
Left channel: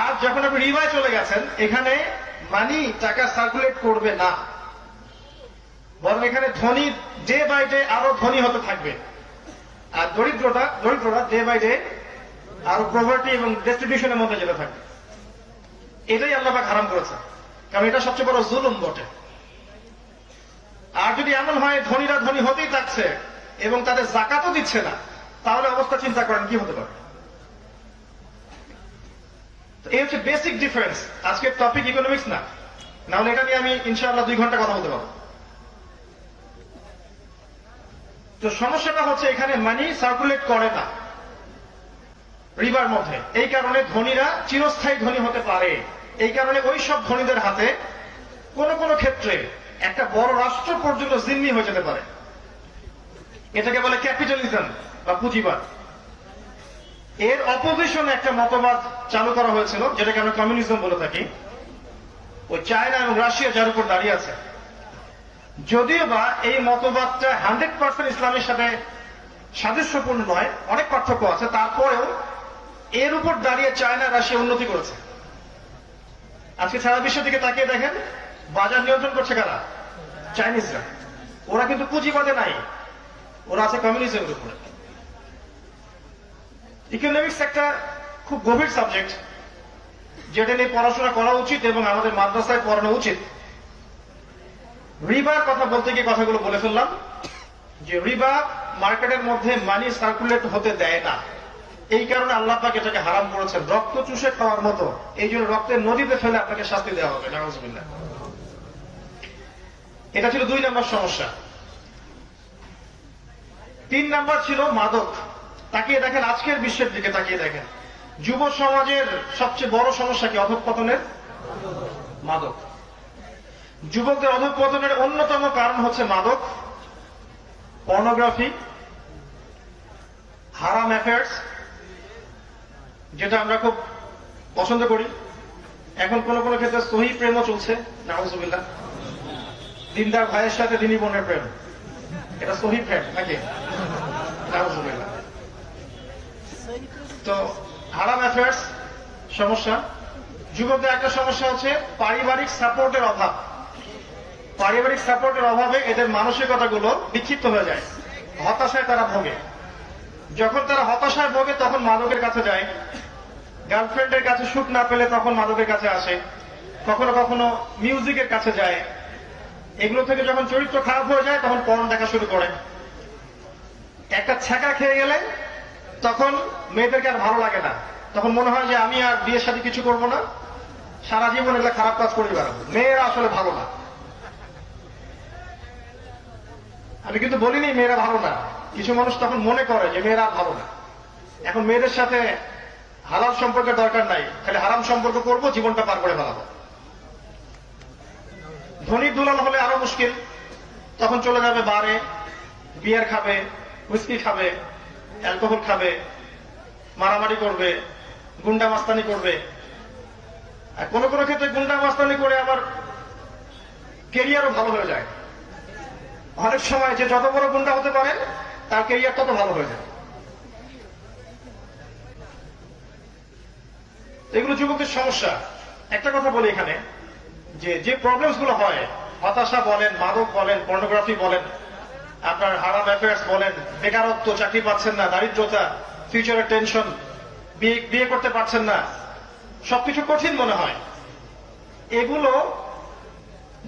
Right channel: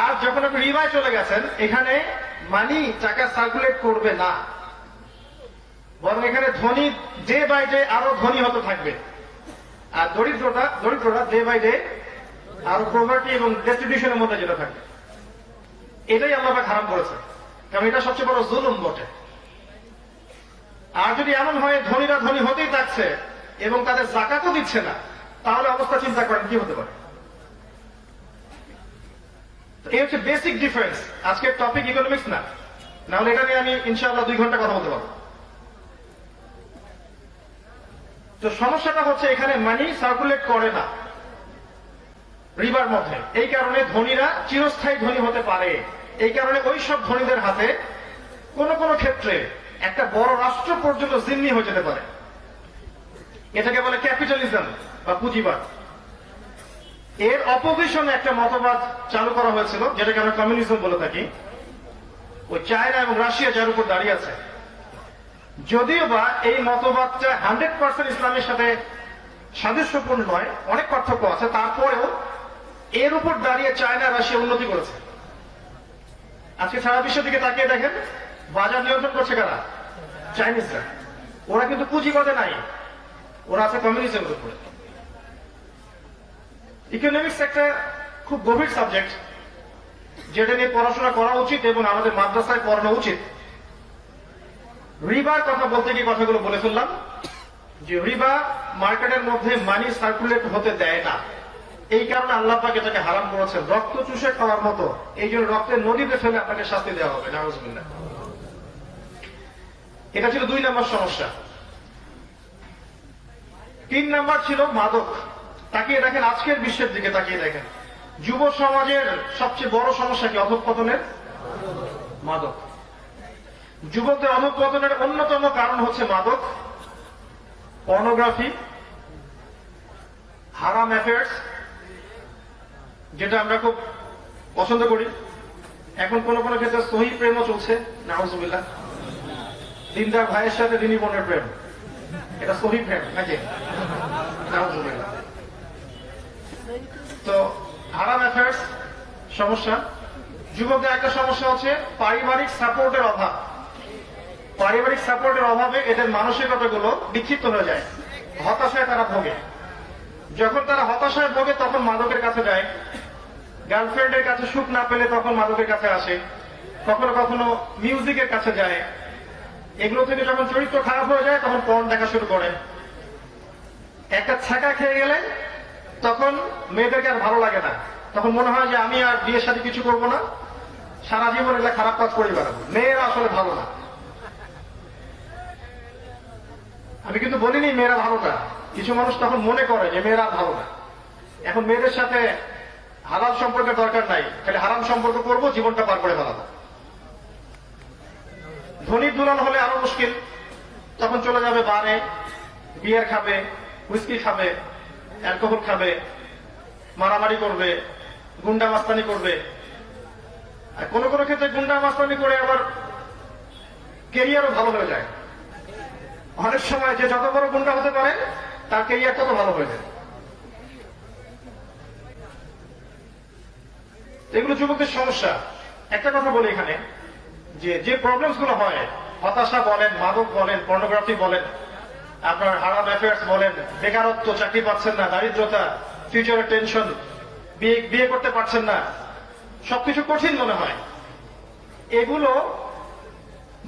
আর যখন আপনি রিবায় চলে গেছেন, এখানে মানি টাকা সার্কুলেট করবে না, বরং এখানে ধনী ডে বাই ডে আরো ধনী হতে থাকবে। আর দরিদ্ররা ডে বাই ডে আরো প্রভার্টি এবং ডিস্ট্রিবিউশনের মধ্যে যেতে থাকবে। এটাই আল্লাহ পাক হারাম করেছে, কারণ এটা সবচেয়ে বড় জুলুম বটে। আর যদি এমন হয় ধনীরা ধনী হতেই থাকছে এবং তাদের যাকাতও দিচ্ছে না, তাহলে অবস্থা চিন্তা করেন কি হতে পারে। এই হচ্ছে বেসিক ডিফারেন্স। আজকের টপিক ইকোনমিক্স না, নাহলে এটা নিয়ে আমি ইনশাআল্লাহ 2 ঘন্টা কথা বলতে পারবো। তো সমস্যাটা হচ্ছে এখানে মানি সার্কুলেট করে না রিবার মধ্যে। এই কারণে ধনীরা চিরস্থায়ী ধনী হতে পারে। এই কারণে ওই সব ধনীদের হাতে কোন কোন ক্ষেত্রে একটা বড় রাষ্ট্র পর্যন্ত জিম্মি হয়ে যেতে পারে। এটাকে বলে ক্যাপিটালিজম বা পুঁজিবাদ। এর অপোজিশন একটা মতবাদ চালু করা হয়েছিল, যেটাকে আমরা কমিউনিজম বলে থাকি। ওই চায়না এবং রাশিয়া যার উপর দাঁড়িয়ে আছে। যদিও বা এই মতবাদটা 100% ইসলামের সাথে সাদৃশ্যপূর্ণ নয়, অনেক পার্থক্য আছে, তারপরেও এর উপর দাঁড়িয়ে চায়না রাশিয়া উন্নতি করেছে। আজকে সারা বিশ্বের দিকে তাকিয়ে দেখেন, বাজার নিয়ন্ত্রণ করছে কারা? চাইনিজরা। ওরা কিন্তু পুঁজিবাদে নাই, ওরা আছে কমিউনিজমের উপরে। ইকোনমিক্স একটা খুব গভীর সাবজেক্ট, যেটা নিয়ে পড়াশোনা করা উচিত এবং আমাদের মাদ্রাসায় পড়ানো উচিত। রিবার কথা বলতে গিয়ে কথাগুলো বলে ফেললাম, যে রিবা মার্কেটের মধ্যে মানি সার্কুলেট হতে দেয় না। এই কারণে আল্লাহ পাক এটাকে হারাম করেছেন, রক্ত চুষে খাওয়ার মতো। এই জন্য রক্তের নদীতে ফেলে আপনাকে শাস্তি দেওয়া হবে। নাউযুবিল্লাহ। এটা ছিল 2 নম্বর সমস্যা। 3 নম্বর ছিল মাদক। তাকিয়ে দেখেন, আজকের বিশ্বের দিকে তাকিয়ে দেখেন, যুব সমাজের সবচেয়ে বড় সমস্যা কি? অধঃপতনের মাদক। যুবকদের অধঃপতনের অন্যতম কারণ হচ্ছে মাদক, পর্নোগ্রাফি, হারাম অ্যাফেয়ার্স, যেটা আমরা খুব পছন্দ করি। এখন কোন কোন ক্ষেত্রে সহিহ প্রেমও চলছে, নাউজুবিল্লাহ। দিনদার ভাইয়ের সাথে দিনী বোনের প্রেম, এটা সহিহ প্রেম নাকি? নাউজুবিল্লাহ। তো হারাম অ্যাফেয়ার্স সমস্যা। যুবকদের একটা সমস্যা হচ্ছে পারিবারিক সাপোর্টের অভাব। পারিবারিক সাপোর্টের অভাবে এদের মানসিকতাগুলো বিক্ষিপ্ত হয়ে যায়, হতাশায় তারা ভোগে। যখন তারা হতাশায় ভোগে তখন মাদকের কাছে যায়, গার্লফ্রেন্ডের কাছে সুখ না পেলে তখন মাদকের কাছে আসে, কখনো কখনো মিউজিকের কাছে যায়। এগুলো থেকে যখন চরিত্র খারাপ হয়ে যায় তখন পর্ন দেখা শুরু করে। একটা ছ্যাঁকা খেয়ে গেলে তখন মেয়েদেরকে আর ভালো লাগে না, তখন মনে হয় যে আমি আর বিয়ের সাথে কিছু করবো না, সারা জীবন এগুলো খারাপ কাজ করে বেড়াবো। মেয়েরা আসলে ভালো না, আমি কিন্তু বলিনি মেয়েরা ভালো না। কিছু মানুষ তখন মনে করে যে মেয়েরা ভালো না, এখন মেয়েদের সাথে হারাম সম্পর্কের দরকার নাই, খালি হারাম সম্পর্ক করবো, জীবনটা পার করে ফেলাবো। ধনী দুলাল হলে আরো মুশকিল, তখন চলে যাবে বারে, বিয়ার খাবে, হুইস্কি খাবে, অ্যালকোহল খাবে, মারামারি করবে, গুন্ডা মাস্তানি করবে। আর কোন কোন ক্ষেত্রে গুন্ডা মাস্তানি করে আবার কেরিয়ারও ভালো হয়ে যায়। অনেক সময় যে যত বড় গুন্ডা হতে পারে তার কেরিয়ার তত ভালো হয়ে যায়। এগুলো যুবকদের সমস্যা। একটা কথা বলি এখানে, যে প্রবলেমস গুলো হয়, হতাশা বলেন, মাদক বলেন, পর্নোগ্রাফি বলেন, আপনার হারাম অ্যাফেয়ার্স বলেন, বেকারত্ব, চাকরি পাচ্ছেন না, দারিদ্রতা, ফিউচারের টেনশন, বিয়ে করতে পারছেন না, সবকিছু কঠিন মনে হয়। এগুলো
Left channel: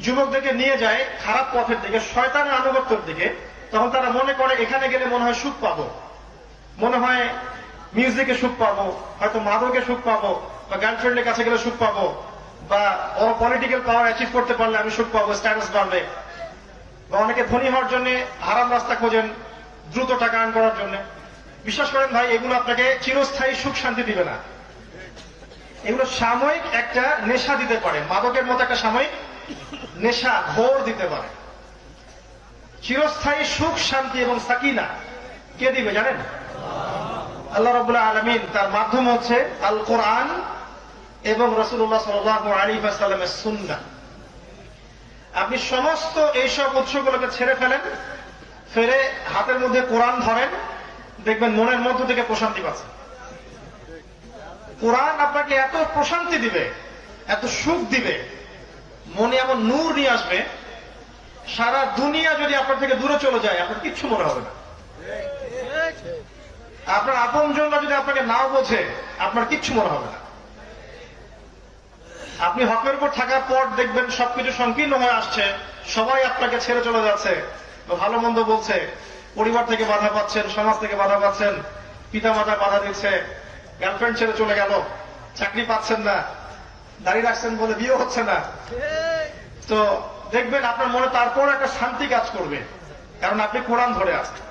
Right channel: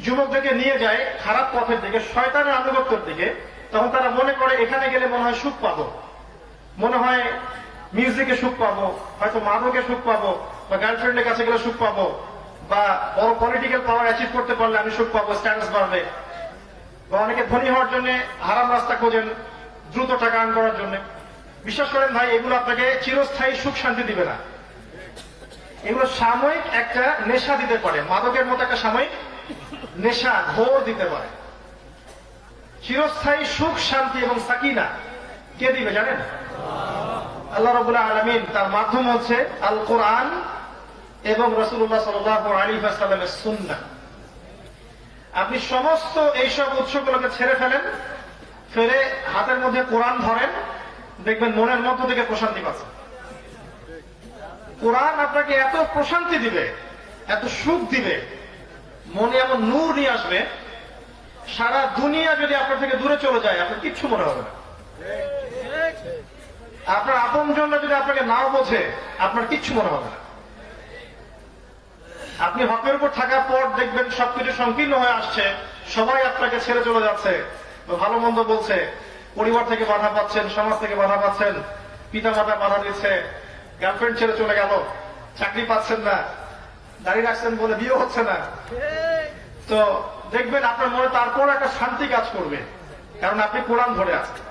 যুবকদেরকে নিয়ে যায় খারাপ পথের দিকে, শয়তানের আনুগত্যের দিকে। তখন তারা মনে করে এখানে গেলে মনে হয় সুখ পাবো, মনে হয় মিউজিকে সুখ পাবো, হয়তো মাদকে সুখ পাবো, বা গার্লফ্রেন্ডের কাছে গেলে সুখ পাবো, বা বড় পলিটিক্যাল পাওয়ার অ্যাচিভ করতে পারলে আমি সুখ পাবো, স্ট্যাটাস বাড়বে। বা অনেকে ধনী হওয়ার জন্য হারাম রাস্তা খোঁজেন, দ্রুত টাকা আর্ন করার জন্য। বিশ্বাস করেন ভাই, এগুলো আপনাকে চিরস্থায়ী সুখ শান্তি দিবে না। এগুলো সাময়িক একটা নেশা দিতে পারে, মাদকের মতো একটা সাময়িক নেশা, ঘোর দিতে পারে। চিরস্থায়ী সুখ শান্তি এবং সাকিনা কে দিবে জানেন? আল্লাহ রাব্বুল আলামিন। তার মাধ্যম হচ্ছে আল কোরআন এবং রাসূলুল্লাহ সাল্লাল্লাহু আলাইহি ওয়াসাল্লামের সুন্নাহ। আপনি সমস্ত এইসব উৎসগুলোকে ছেড়ে ফেলেন, ফেরে হাতের মধ্যে কোরআন ধরেন, দেখবেন মনের মধ্য থেকে প্রশান্তি পাচ্ছেন। কোরআন আপনাকে এত প্রশান্তি দিবে, এত সুখ দিবে, মনে এমন নূর নিয়ে আসবে, সারা দুনিয়া যদি আপনার থেকে দূরে চলে যায় আপনার কিচ্ছু মনে হবে না। আপনার আপনজনরা যদি আপনাকে নাও বোঝে আপনার কিচ্ছু মনে হবে না। আপনি হকের উপর থাকার পর দেখবেন সবকিছু সংকীর্ণ হয়ে আসছে, সবাই আপনাকে ছেড়ে চলে যাচ্ছে, ভালো মন্দ বলছে, পরিবার থেকে বাধা পাচ্ছেন, সমাজ থেকে বাধা পাচ্ছেন, পিতা মাতা বাধা দিচ্ছে, গার্লফ্রেন্ড ছেড়ে চলে গেল, চাকরি পাচ্ছেন না, দাঁড়িয়ে রাখছেন বলে বিয়ে হচ্ছে না। তো দেখবেন আপনার মনে তারপর একটা শান্তি কাজ করবে, কারণ আপনি কোরআন ধরে আছেন।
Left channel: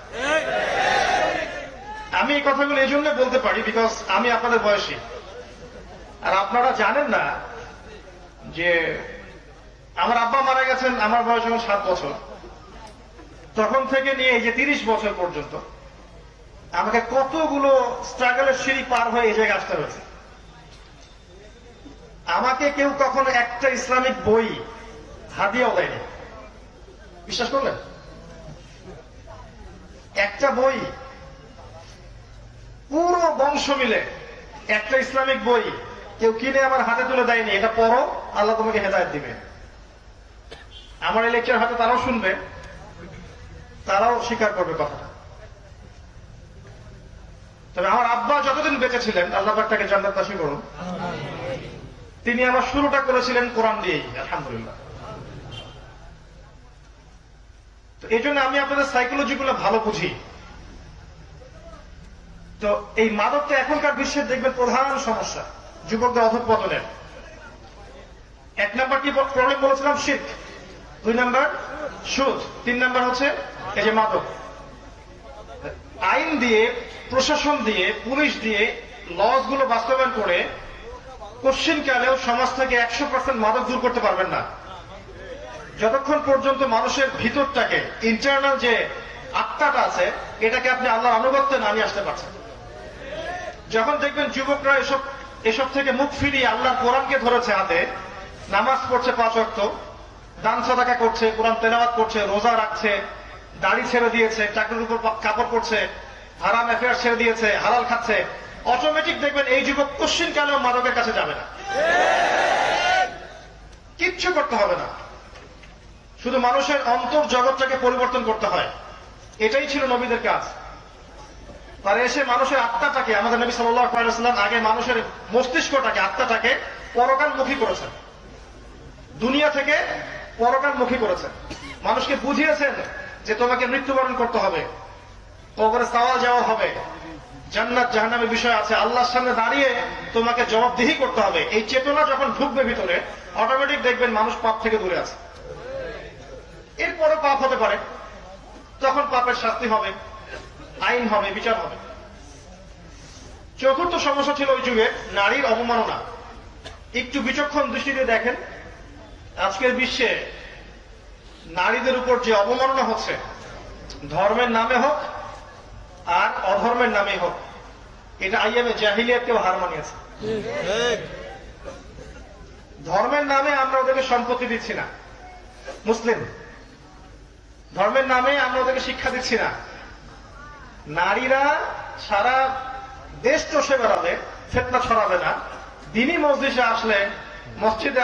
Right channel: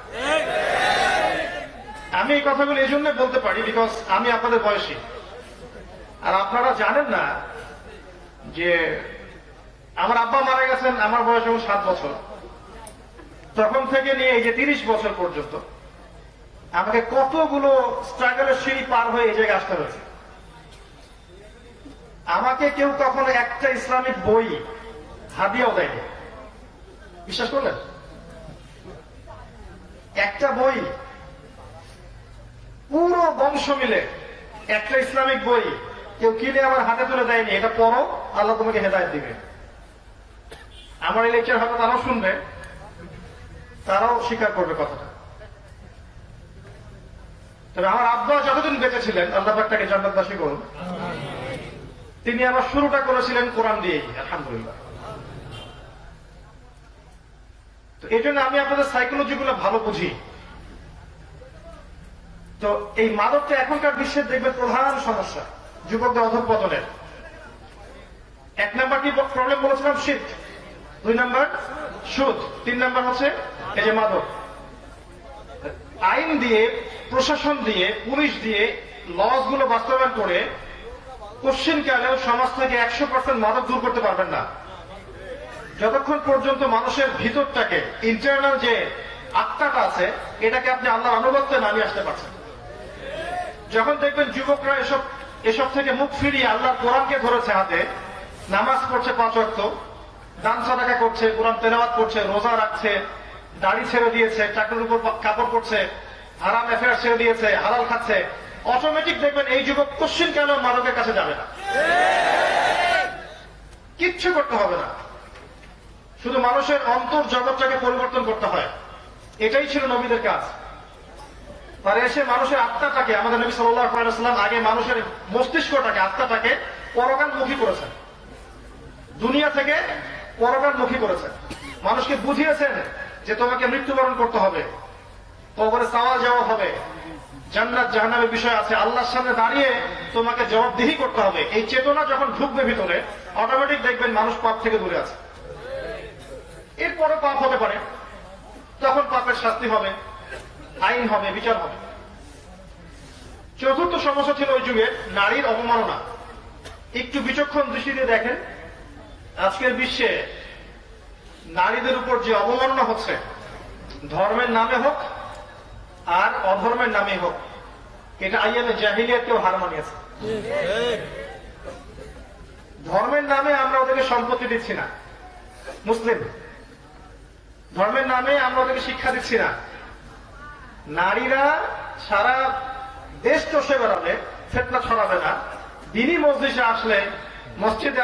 আমি এই কথাগুলো এই জন্য বলতে পারি বিকজ আমি আপনাদের বয়সী, আর আপনারা জানেন না যে আমার আব্বা মারা গেছেন আমার বয়স যখন 7 বছর, তখন থেকে নিয়ে এই যে 30 বছর পর্যন্ত আমাকে কতগুলো স্ট্রাগলের সিঁড়ি পার হয়ে এই জায়গায় আসতে হয়েছে। আমাকে কেউ কখনো একটা ইসলামিক বই হাদিয়াও দেয়নি, বিশ্বাস করলেন? একটা বই, পুরো বংশ মিলে একটা ইসলামিক বই কেউ কিনে আমার হাতে তুলে দেয়নি, এটা পড়ো, আল্লাহ তোমাকে হেদায়েত দিবে। আমার এই লেকচার হয়তো তারাও শুনবে, তারাও স্বীকার করবে কথাটা। তবে আমার আব্বা যতদিন বেঁচে ছিলেন, আল্লাহ পাক তাকে জান্নাতবাসী করুন, তিনি আমার শুরুটা করেছিলেন কোরআন দিয়েই, আলহামদুলিল্লাহ। তো এই জন্য আমি আপনাদের সাইকোলজি গুলো ভালো বুঝি। তো এই মাদকটা এখনকার বিশ্বের দেখবে প্রধান সমস্যা যুবকদের অধঃপতনের। 1 নাম্বার কি প্রবলেম বলেছিলাম? শিরক। 2 নাম্বার সুদ। 3 নাম্বার হচ্ছে এই যে মাদক। আইন দিয়ে, প্রশাসন দিয়ে, পুলিশ দিয়ে লস গুলো বাস্তবায়ন করে কোশ্চিনকালেও সমাজ থেকে 100% মাদক দূর করতে পারবেন না, যতক্ষণ পর্যন্ত মানুষের ভিতরটাকে, ইন্টারনাল যে আত্মাটা আছে, এটাকে আপনি আল্লাহর আনুগত্যে নামিয়ে আসতে পারছেন। যখন দেখবেন যুবকরা এসব থেকে মুখ ফিরিয়ে আল্লাহর কোরআনকে ধরেছে হাতে, নামাজ পড়ছে 5 ওয়াক্ত, দান সাদাকা করছে, কোরআন তেলাওয়াত করছে, রোজা রাখছে, দাড়ি ছেড়ে দিয়েছে, চাকরির উপর কাপড় পরছে, হারাম অ্যাফেয়ার ছেড়ে দিয়েছে, হালাল খাচ্ছে, অটোমেটিক দেখবেন এই যুবক কোশ্চিন কেন মাদকের কাছে যাবে না। কিচ্ছু করতে হবে না, শুধু মানুষের অন্তর জগৎটাকে পরিবর্তন করতে হয়। এটাই ছিল নবীদের কাজ। তারা এসে মানুষের আত্মাটাকে, আমাদের নবী সাল্লাল্লাহু আলাইহি ওয়াসাল্লাম আগে মানুষের মস্তিষ্কটাকে, আত্মাটাকে পরকালমুখী করেছেন, দুনিয়া থেকে পরকালমুখী করেছেন। মানুষকে বুঝিয়েছেন যে তোমাকে মৃত্যুবরণ করতে হবে, কবরে সওয়াল জবাব হবে, জান্নাত জাহান্নামের বিষয় আছে, আল্লাহর সামনে দাঁড়িয়ে তোমাকে জবাবদিহি করতে হবে। এই চেতনা যখন ঢুকবে ভিতরে, অটোমেটিক দেখবেন মানুষ পাপ থেকে দূরে আছে। এরপরে পাপ হতে পারে, তখন পাপের শাস্তি হবে, আইন হবে, বিচার হবে। চতুর্থ সমস্যা ছিল ওই যুগে নারীর অবমাননা। একটু বিচক্ষণ দৃষ্টি দিয়ে দেখেন, আজকের বিশ্বে নারীদের উপর যে অবমাননা হচ্ছে, ধর্মের নামে হোক আর অধর্মের নামে হোক, এটা আইএমএ জাহিলিয়াতকেও হার মানিয়েছে। ধর্মের নামে আমরা ওদেরকে সম্পত্তি দিচ্ছি না, মুসলিম ধর্মের নামে আমরা ওদেরকে শিক্ষা দিচ্ছি না। নারীরা সারা দেশ চষে বেড়াবে, ফিতনা ছড়াবে না, দিনই মসজিদে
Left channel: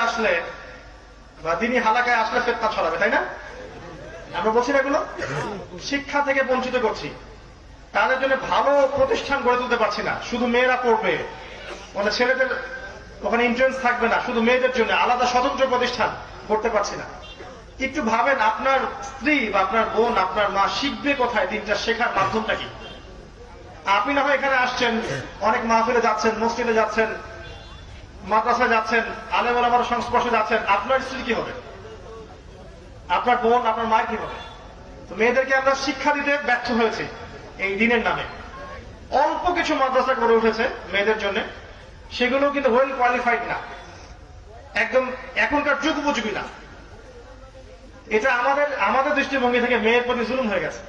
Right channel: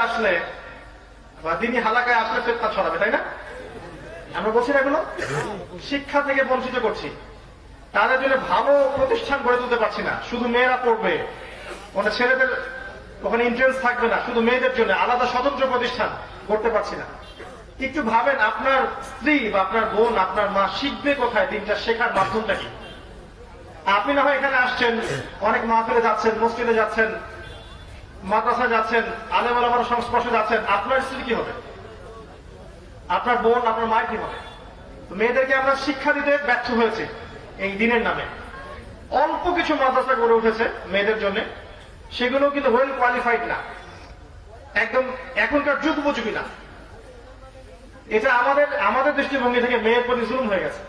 আসলে বা দিনই হালাকায় আসলে ফিতনা ছড়াবে, তাই না? আমরা বলছি না এগুলো? শিক্ষা থেকে বঞ্চিত করছি, তাদের জন্য ভালো প্রতিষ্ঠান গড়ে তুলতে পারছি না। শুধু মেয়েরা পড়বে, মানে ছেলেদের ওখানে এন্ট্রেন্স থাকবে না, শুধু মেয়েদের জন্য আলাদা স্বতন্ত্র প্রতিষ্ঠান করতে পারছি না। একটু ভাবেন, আপনার স্ত্রী বা আপনার বোন, আপনার মা শিখবে কোথায়? দিনটা শেখার মাধ্যমটা কি? আপনি না হয় এখানে আসছেন, অনেক মাহফিলে যাচ্ছেন, মসজিদে যাচ্ছেন, মাদ্রাসায় যাচ্ছেন, আলেম ওলামার সংস্পর্শে যাচ্ছেন, আপনার স্ত্রী কি হবে? আপনার বোন, আপনার মা কি হবে? তো মেয়েদেরকে আমরা শিক্ষা দিতে ব্যর্থ হয়েছি এই দিনের নামে। অল্প কিছু মাদ্রাসা গড়ে উঠেছে মেয়েদের জন্য, সেগুলো কিন্তু ওয়েল কোয়ালিফাইড না, একদম এখনকার যুগ উপযোগী না। এটা আমাদের দৃষ্টিভঙ্গি থেকে মেয়ের প্রতি জুলুম হয়ে গেছে।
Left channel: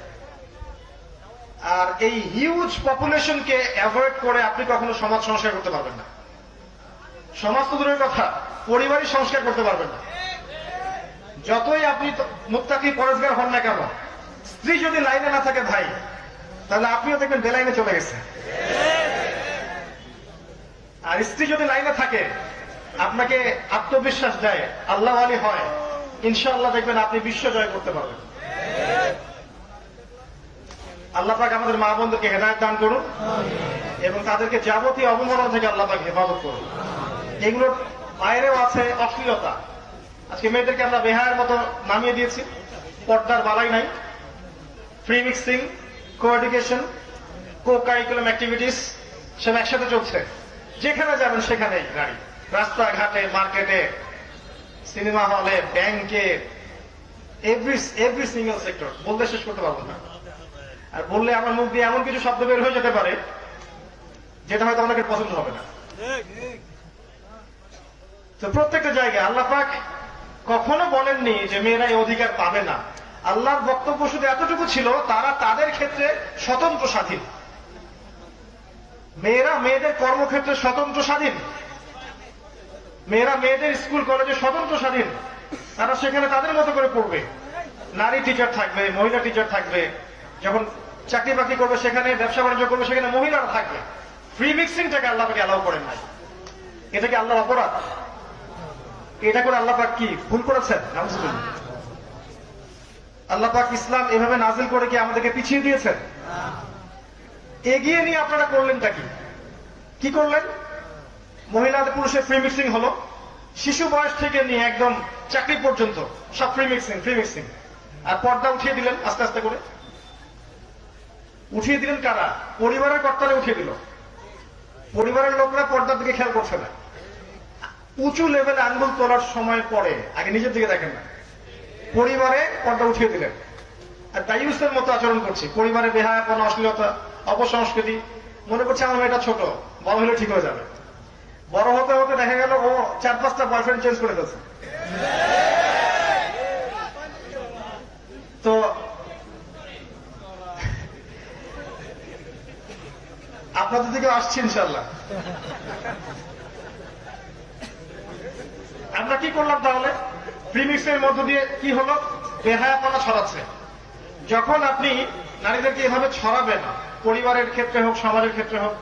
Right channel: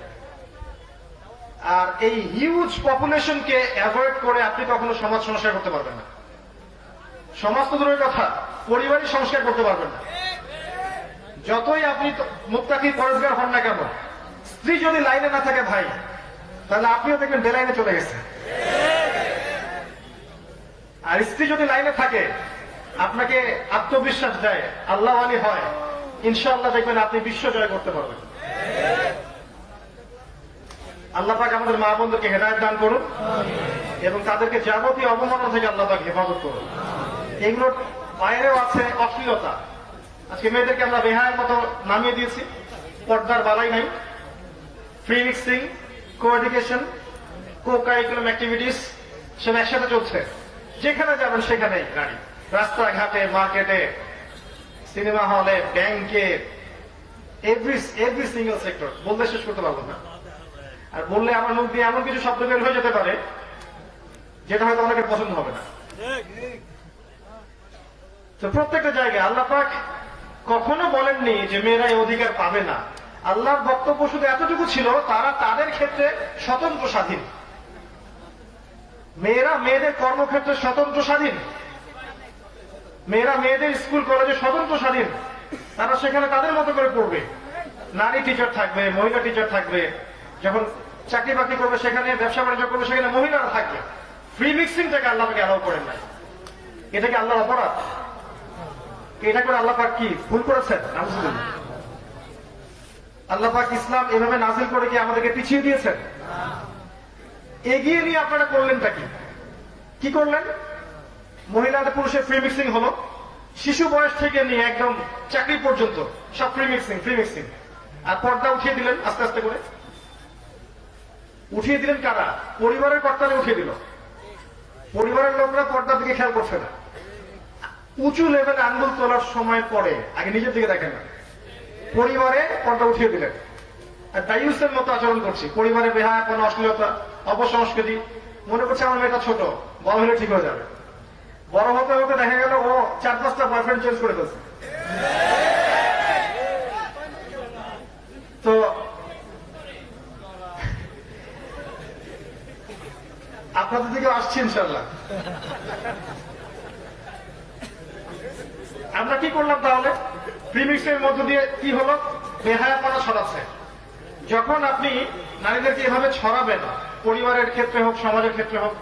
আর এই হিউজ পপুলেশনকে অ্যাভয়েড করে আপনি কখনো সমাজ সংস্কার করতে পারবেন না। সমাজ তো দূরের কথা, পরিবারই সংস্কার করতে পারবেন না। যতই আপনি মুত্তাকি পরেজগার হন না কেন, স্ত্রী যদি লাইনে না থাকে ভাই, তাহলে আপনিও দেখবেন বেলাইনে চলে গেছে। আর স্ত্রী যদি লাইনে থাকে, আপনাকে আত্মবিশ্বাস দেয়, আল্লাহ ওয়ালি হয়, ইনশাআল্লাহ দেখবেন আপনি বিশ্ব জয় করতে পারবেন। আল্লাহ পাক আমাদের মা বোনদেরকে হেদায়েত দান করুন এবং তাদেরকে যাবতীয় অবমাননা থেকে আল্লাহ পাক হেফাজত করুন। এগুলোর বাইরেও আছে অশ্লীলতা। আজকে মেয়েদেরকে আমরা বেহায়ের মতো নামিয়ে দিয়েছি, পর্দার বালাই নাই, ফ্রি মিক্সিং, কো এডুকেশন, কো কারিকুলাম অ্যাক্টিভিটিস সব একসাথে চলছে। যেখানে যাবেন সেখানেই গাড়ি, রাস্তাঘাটে, মার্কেটে, সিনেমা হলে, ব্যাংকে, এভরি সিঙ্গেল সেক্টর, বলতে শেষ করতে পারবো না। আর বললে আমার মুখ দিয়ে এমন কিছু শব্দ বের হয়ে যেতে পারে যেটা হয়তো অনেকের পছন্দ হবে না। তো প্রত্যেকটা জায়গায় আল্লাহ পাক কখনো বলেননি যে মেয়েরা এই অধিকার পাবে না। আল্লাহর বক্তব্য শুধু এতটুকু ছিল, তারা তাদের ক্ষেত্রে স্বতন্ত্র স্বাধীন। মেয়েরা মেয়েদের কর্মক্ষেত্রে স্বতন্ত্র স্বাধীন, মেয়েরা মেয়েদের স্কুল কলেজে স্বতন্ত্র স্বাধীন। তারা সেখানে তাদের মতো করে পড়বে, নারী টিচার থাকবে, মহিলা টিচার থাকবে, যখন চাকরি বাকরি করবে সেখানে, ব্যবসা বাণিজ্য করবে সেখানে মহিলারা থাকবে। ফ্রি মিক্সিংটাকে আল্লাহ পাক অ্যালাউ করেন না। এটা কি আল্লাহর অপরাধ? এটা করে আল্লাহ পাক কি ভুল করেছেন? আল্লাহ পাক ইসলাম এভাবে নাজিল করে কি আমাদেরকে পিছিয়ে দিয়েছেন? এগিয়ে নিয়ে আপনারা করলেনটা কি করলেন? মহিলাদের পুরুষের ফ্রি মিক্সিং হলো, শিশু বয়স থেকে নিয়ে একদম চাকরি পর্যন্ত সব ফ্রি মিক্সিং। আর পর্দা উঠিয়ে দিলেন আস্তে আস্তে করে। উঠিয়ে দিলেন কারা? পরিবারের কর্তারা উঠিয়ে দিল। পরিবারের লোকরা পর্দার দিকে খেয়াল করছে না। উঁচু লেভেলে আঙ্গুল তোলার সময় পরে আগে নিজের দিকে দেখেন না, পরিবারে পর্দা উঠিয়ে দিলেন। আর দায়ুসের মতো আচরণ করছে, পরিবারে বেহায়াপনা, অশ্লীলতা, অপসংস্কৃতি। মনে করছে আমার মেয়েটা ছোট, বড় হলে ঠিক হয়ে যাবে। বড় হতে হতে দেখা গেল ও 4-5টা বয়ফ্রেন্ড চেঞ্জ করে ফেলছে। তো আপনাদের দিকেও আসছি ইনশাল্লাহ। আমরা কি করলাম তাহলে? প্রিমিক্সের মধ্য দিয়ে কি হলো? বেহায়াপনা ছড়াচ্ছে। যখন আপনি নারীদেরকে এভাবে ছড়াবেন, পরিবারের ক্ষেত্রে হোক, সমাজের ক্ষেত্রে হোক,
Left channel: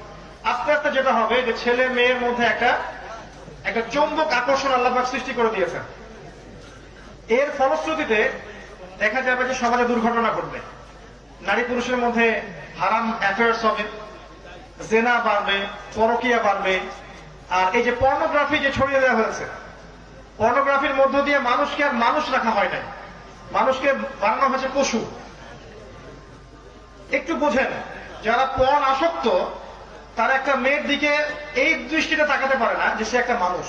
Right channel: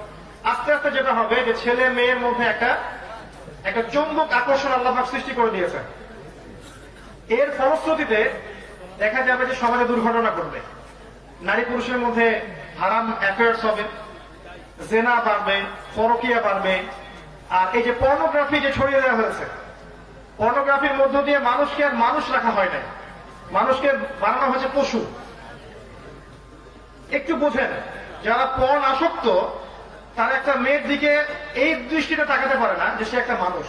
আস্তে আস্তে যেটা হবে যে ছেলে মেয়ের মধ্যে একটা চৌম্বক আকর্ষণ আল্লাহ পাক সৃষ্টি করে দিয়েছে। এর ফলশ্রুতিতে দেখা যাবে যে সমাজে দুর্ঘটনা ঘটবে, নারী পুরুষের মধ্যে হারাম অ্যাফেয়ার্স হবে, জেনা বাড়বে, পরকীয়া বাড়বে। আর এই যে পর্নোগ্রাফি যে ছড়িয়ে দেওয়া হয়েছে, পর্নোগ্রাফির মধ্য দিয়ে মানুষকে আর মানুষ রাখা হয় না, মানুষকে বানানো হয়েছে পশু। একটু বোঝেন, যারা পর্ন আসক্ত তারা একটা মেয়ের দিকে এই দৃষ্টিতে তাকাতে পারে না যে সে একটা মানুষ।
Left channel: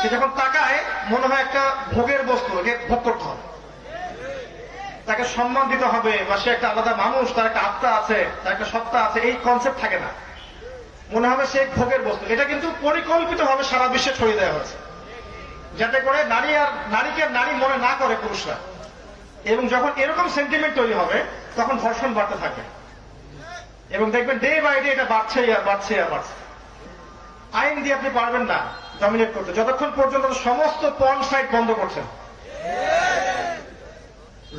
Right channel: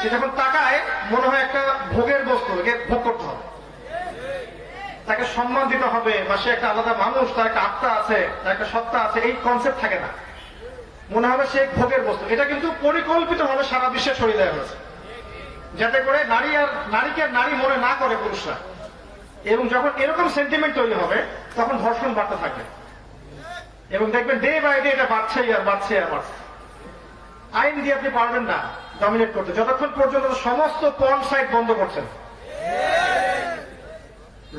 সে যখন তাকায় মনে হয় একটা ভোগের বস্তু, একে ভোগ করতে হবে, তাকে সম্মান দিতে হবে, বা সে একটা আলাদা মানুষ, তার একটা আত্মা আছে, তার একটা সত্তা আছে, এই কনসেপ্ট থাকে না। মনে হবে সে ভোগের বস্তু। এটা কিন্তু পরিকল্পিতভাবে সারা বিশ্বে ছড়িয়ে দেওয়া হয়েছে, যাতে করে নারীকে নারী মনে না করে পুরুষরা। এবং যখন এরকম সেন্টিমেন্ট তৈরি হবে তখন ধর্ষণ বাড়তে থাকবে, এবং দেখবেন ডে বাই ডে এটা বাড়ছে আর বাড়ছে আর বাড়ছে। আইন দিয়ে আপনি পারবেন না ডমিনেট করতে যতক্ষণ পর্যন্ত সমস্ত পর্ন সাইট বন্ধ করছেন।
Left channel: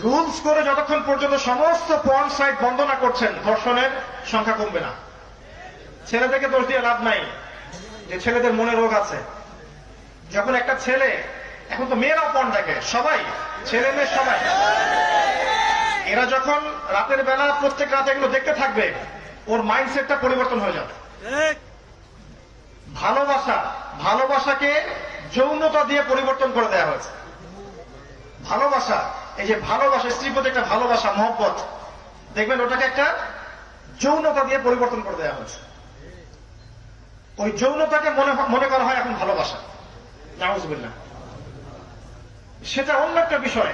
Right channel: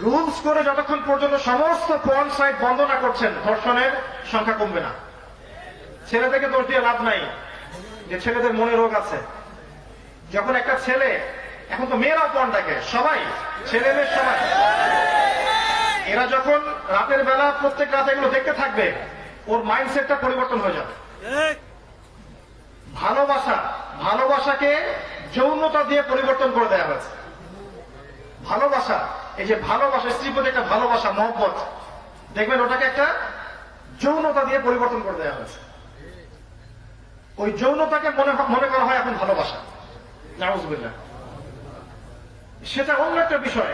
রুলস করে যতক্ষণ পর্যন্ত সমস্ত পর্ন সাইট বন্ধ না করছেন, ধর্ষণের সংখ্যা কমবে না। ছেলেদেরকে দোষ দিয়ে লাভ নাই যে ছেলেদের মনে রোগ আছে। যখন একটা ছেলে, এখন তো মেয়েরা পর্ন দেখে, সবাই, ছেলে মেয়ে সবাই, এরা যখন রাতের বেলা প্রত্যেক রাতে এগুলো দেখতে থাকবে, ওর মাইন্ডসেটটা পরিবর্তন হয়ে যাবে। ভালোবাসাকে যৌনতা দিয়ে পরিবর্তন করে দেওয়া হয়েছে। ভালোবাসা, এই যে ভালোবাসা, স্ত্রী প্রতি একটা ভালোবাসা, মহব্বত, দেখবেন ওটাকে একটা যৌনতা দিয়ে পরিবর্তন করে দেওয়া হয়েছে। ওই যৌনতাকে মনে করা হয় এখন ভালোবাসা। নাউজুবিল্লাহ। সেটা অন্য একটা বিষয়।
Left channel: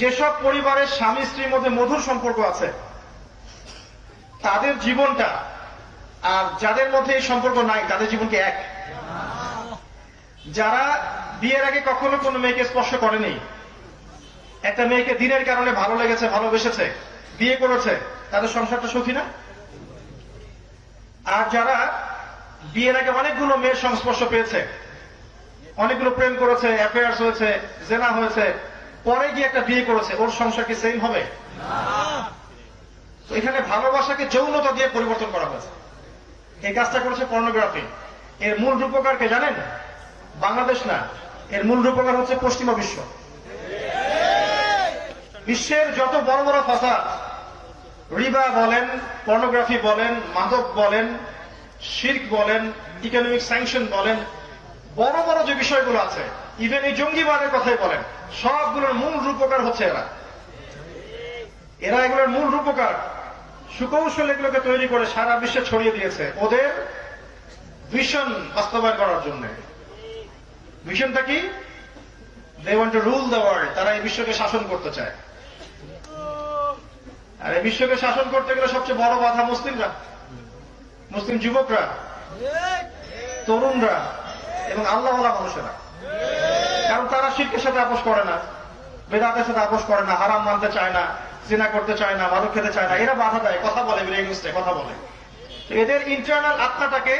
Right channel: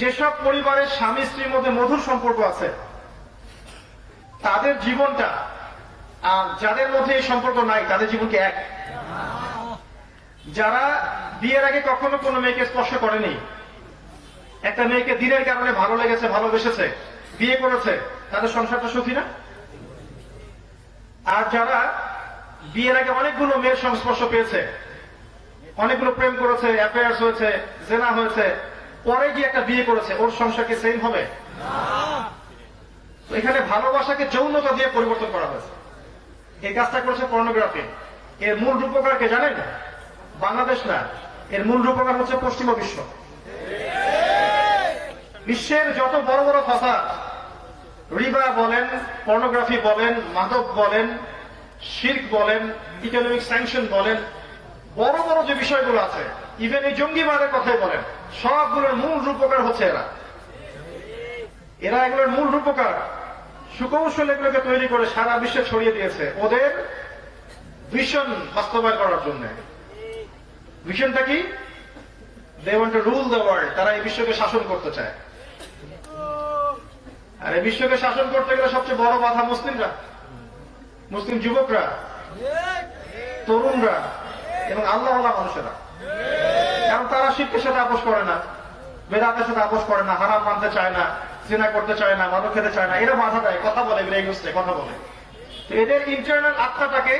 যেসব পরিবারের স্বামী স্ত্রীর মধ্যে মধুর সম্পর্ক আছে, তাদের জীবনটা আর যাদের মধ্যে এই সম্পর্ক নাই তাদের জীবনকে এক। যারা বিয়ের আগে কখনো কোনো মেয়েকে স্পর্শ করেনি, একটা মেয়েকে দিনের কারণে ভালো লেগেছে, ভালোবেসেছে, বিয়ে করেছে, তাদের সংসারটা সুখী না? আর যারা বিয়ের আগে অনেকগুলো মেয়ের সংস্পর্শ পেয়েছে, অনেকগুলো প্রেম করেছে, অ্যাফেয়ার্স হয়েছে, জেনা হয়েছে, পরে গিয়ে একটা বিয়ে করেছে, ওর সংসার কি সেম হবে? এখানে ভালোবাসাকে যৌনতা দিয়ে পরিবর্তন করা হয়েছে। এই কাজটা করেছে পর্নোগ্রাফি। এর মূল রূপকারকে জানেন? বাংলাদেশ না, এর মূল রূপকার হচ্ছে পশ্চিমা বিশ্ব। বিশ্বের যত বড় বড় ফাসাদ, রিবা বলেন, পর্নোগ্রাফি বলেন, মাদক বলেন, শিরক বলেন, ইকোনমিক স্যাংশন বলেন, বড় বড় যে বিষয়গুলো আছে, ইভেন এই জঙ্গিবাদের কথাই বলেন, সবগুলোর মূল রূপকার হচ্ছে এরা এগুলোর মূল রূপকার। সুকৌশল এগুলোকে তৈরি করে সারা বিশ্বে ছড়িয়ে দিয়েছে ওদের ভিশন বাস্তবায়ন করার জন্য। ভিশনটা কি? They want to rule the world. তারা এই বিশ্বকে শাসন করতে চায়। আর এই বিশ্বকে শাসন করতে গেলে সবচেয়ে বড় বাধা মুসলিমরা, মুসলিম যুবকরা, তরুণরা এবং আল্লাহওয়ালা মানুষেরা। কারণ তারা শিরকের সাথে আপোষ করে না, বেদাতের সাথে আপোষ করে না, হারাম মানতে চায় না, জিনা করতে চায় না, মাদক খেতে চায় না। এরা বাধা দেয়, কথা বলে, কথা বলে। এদের ইন্টারনাল আত্মাটাকে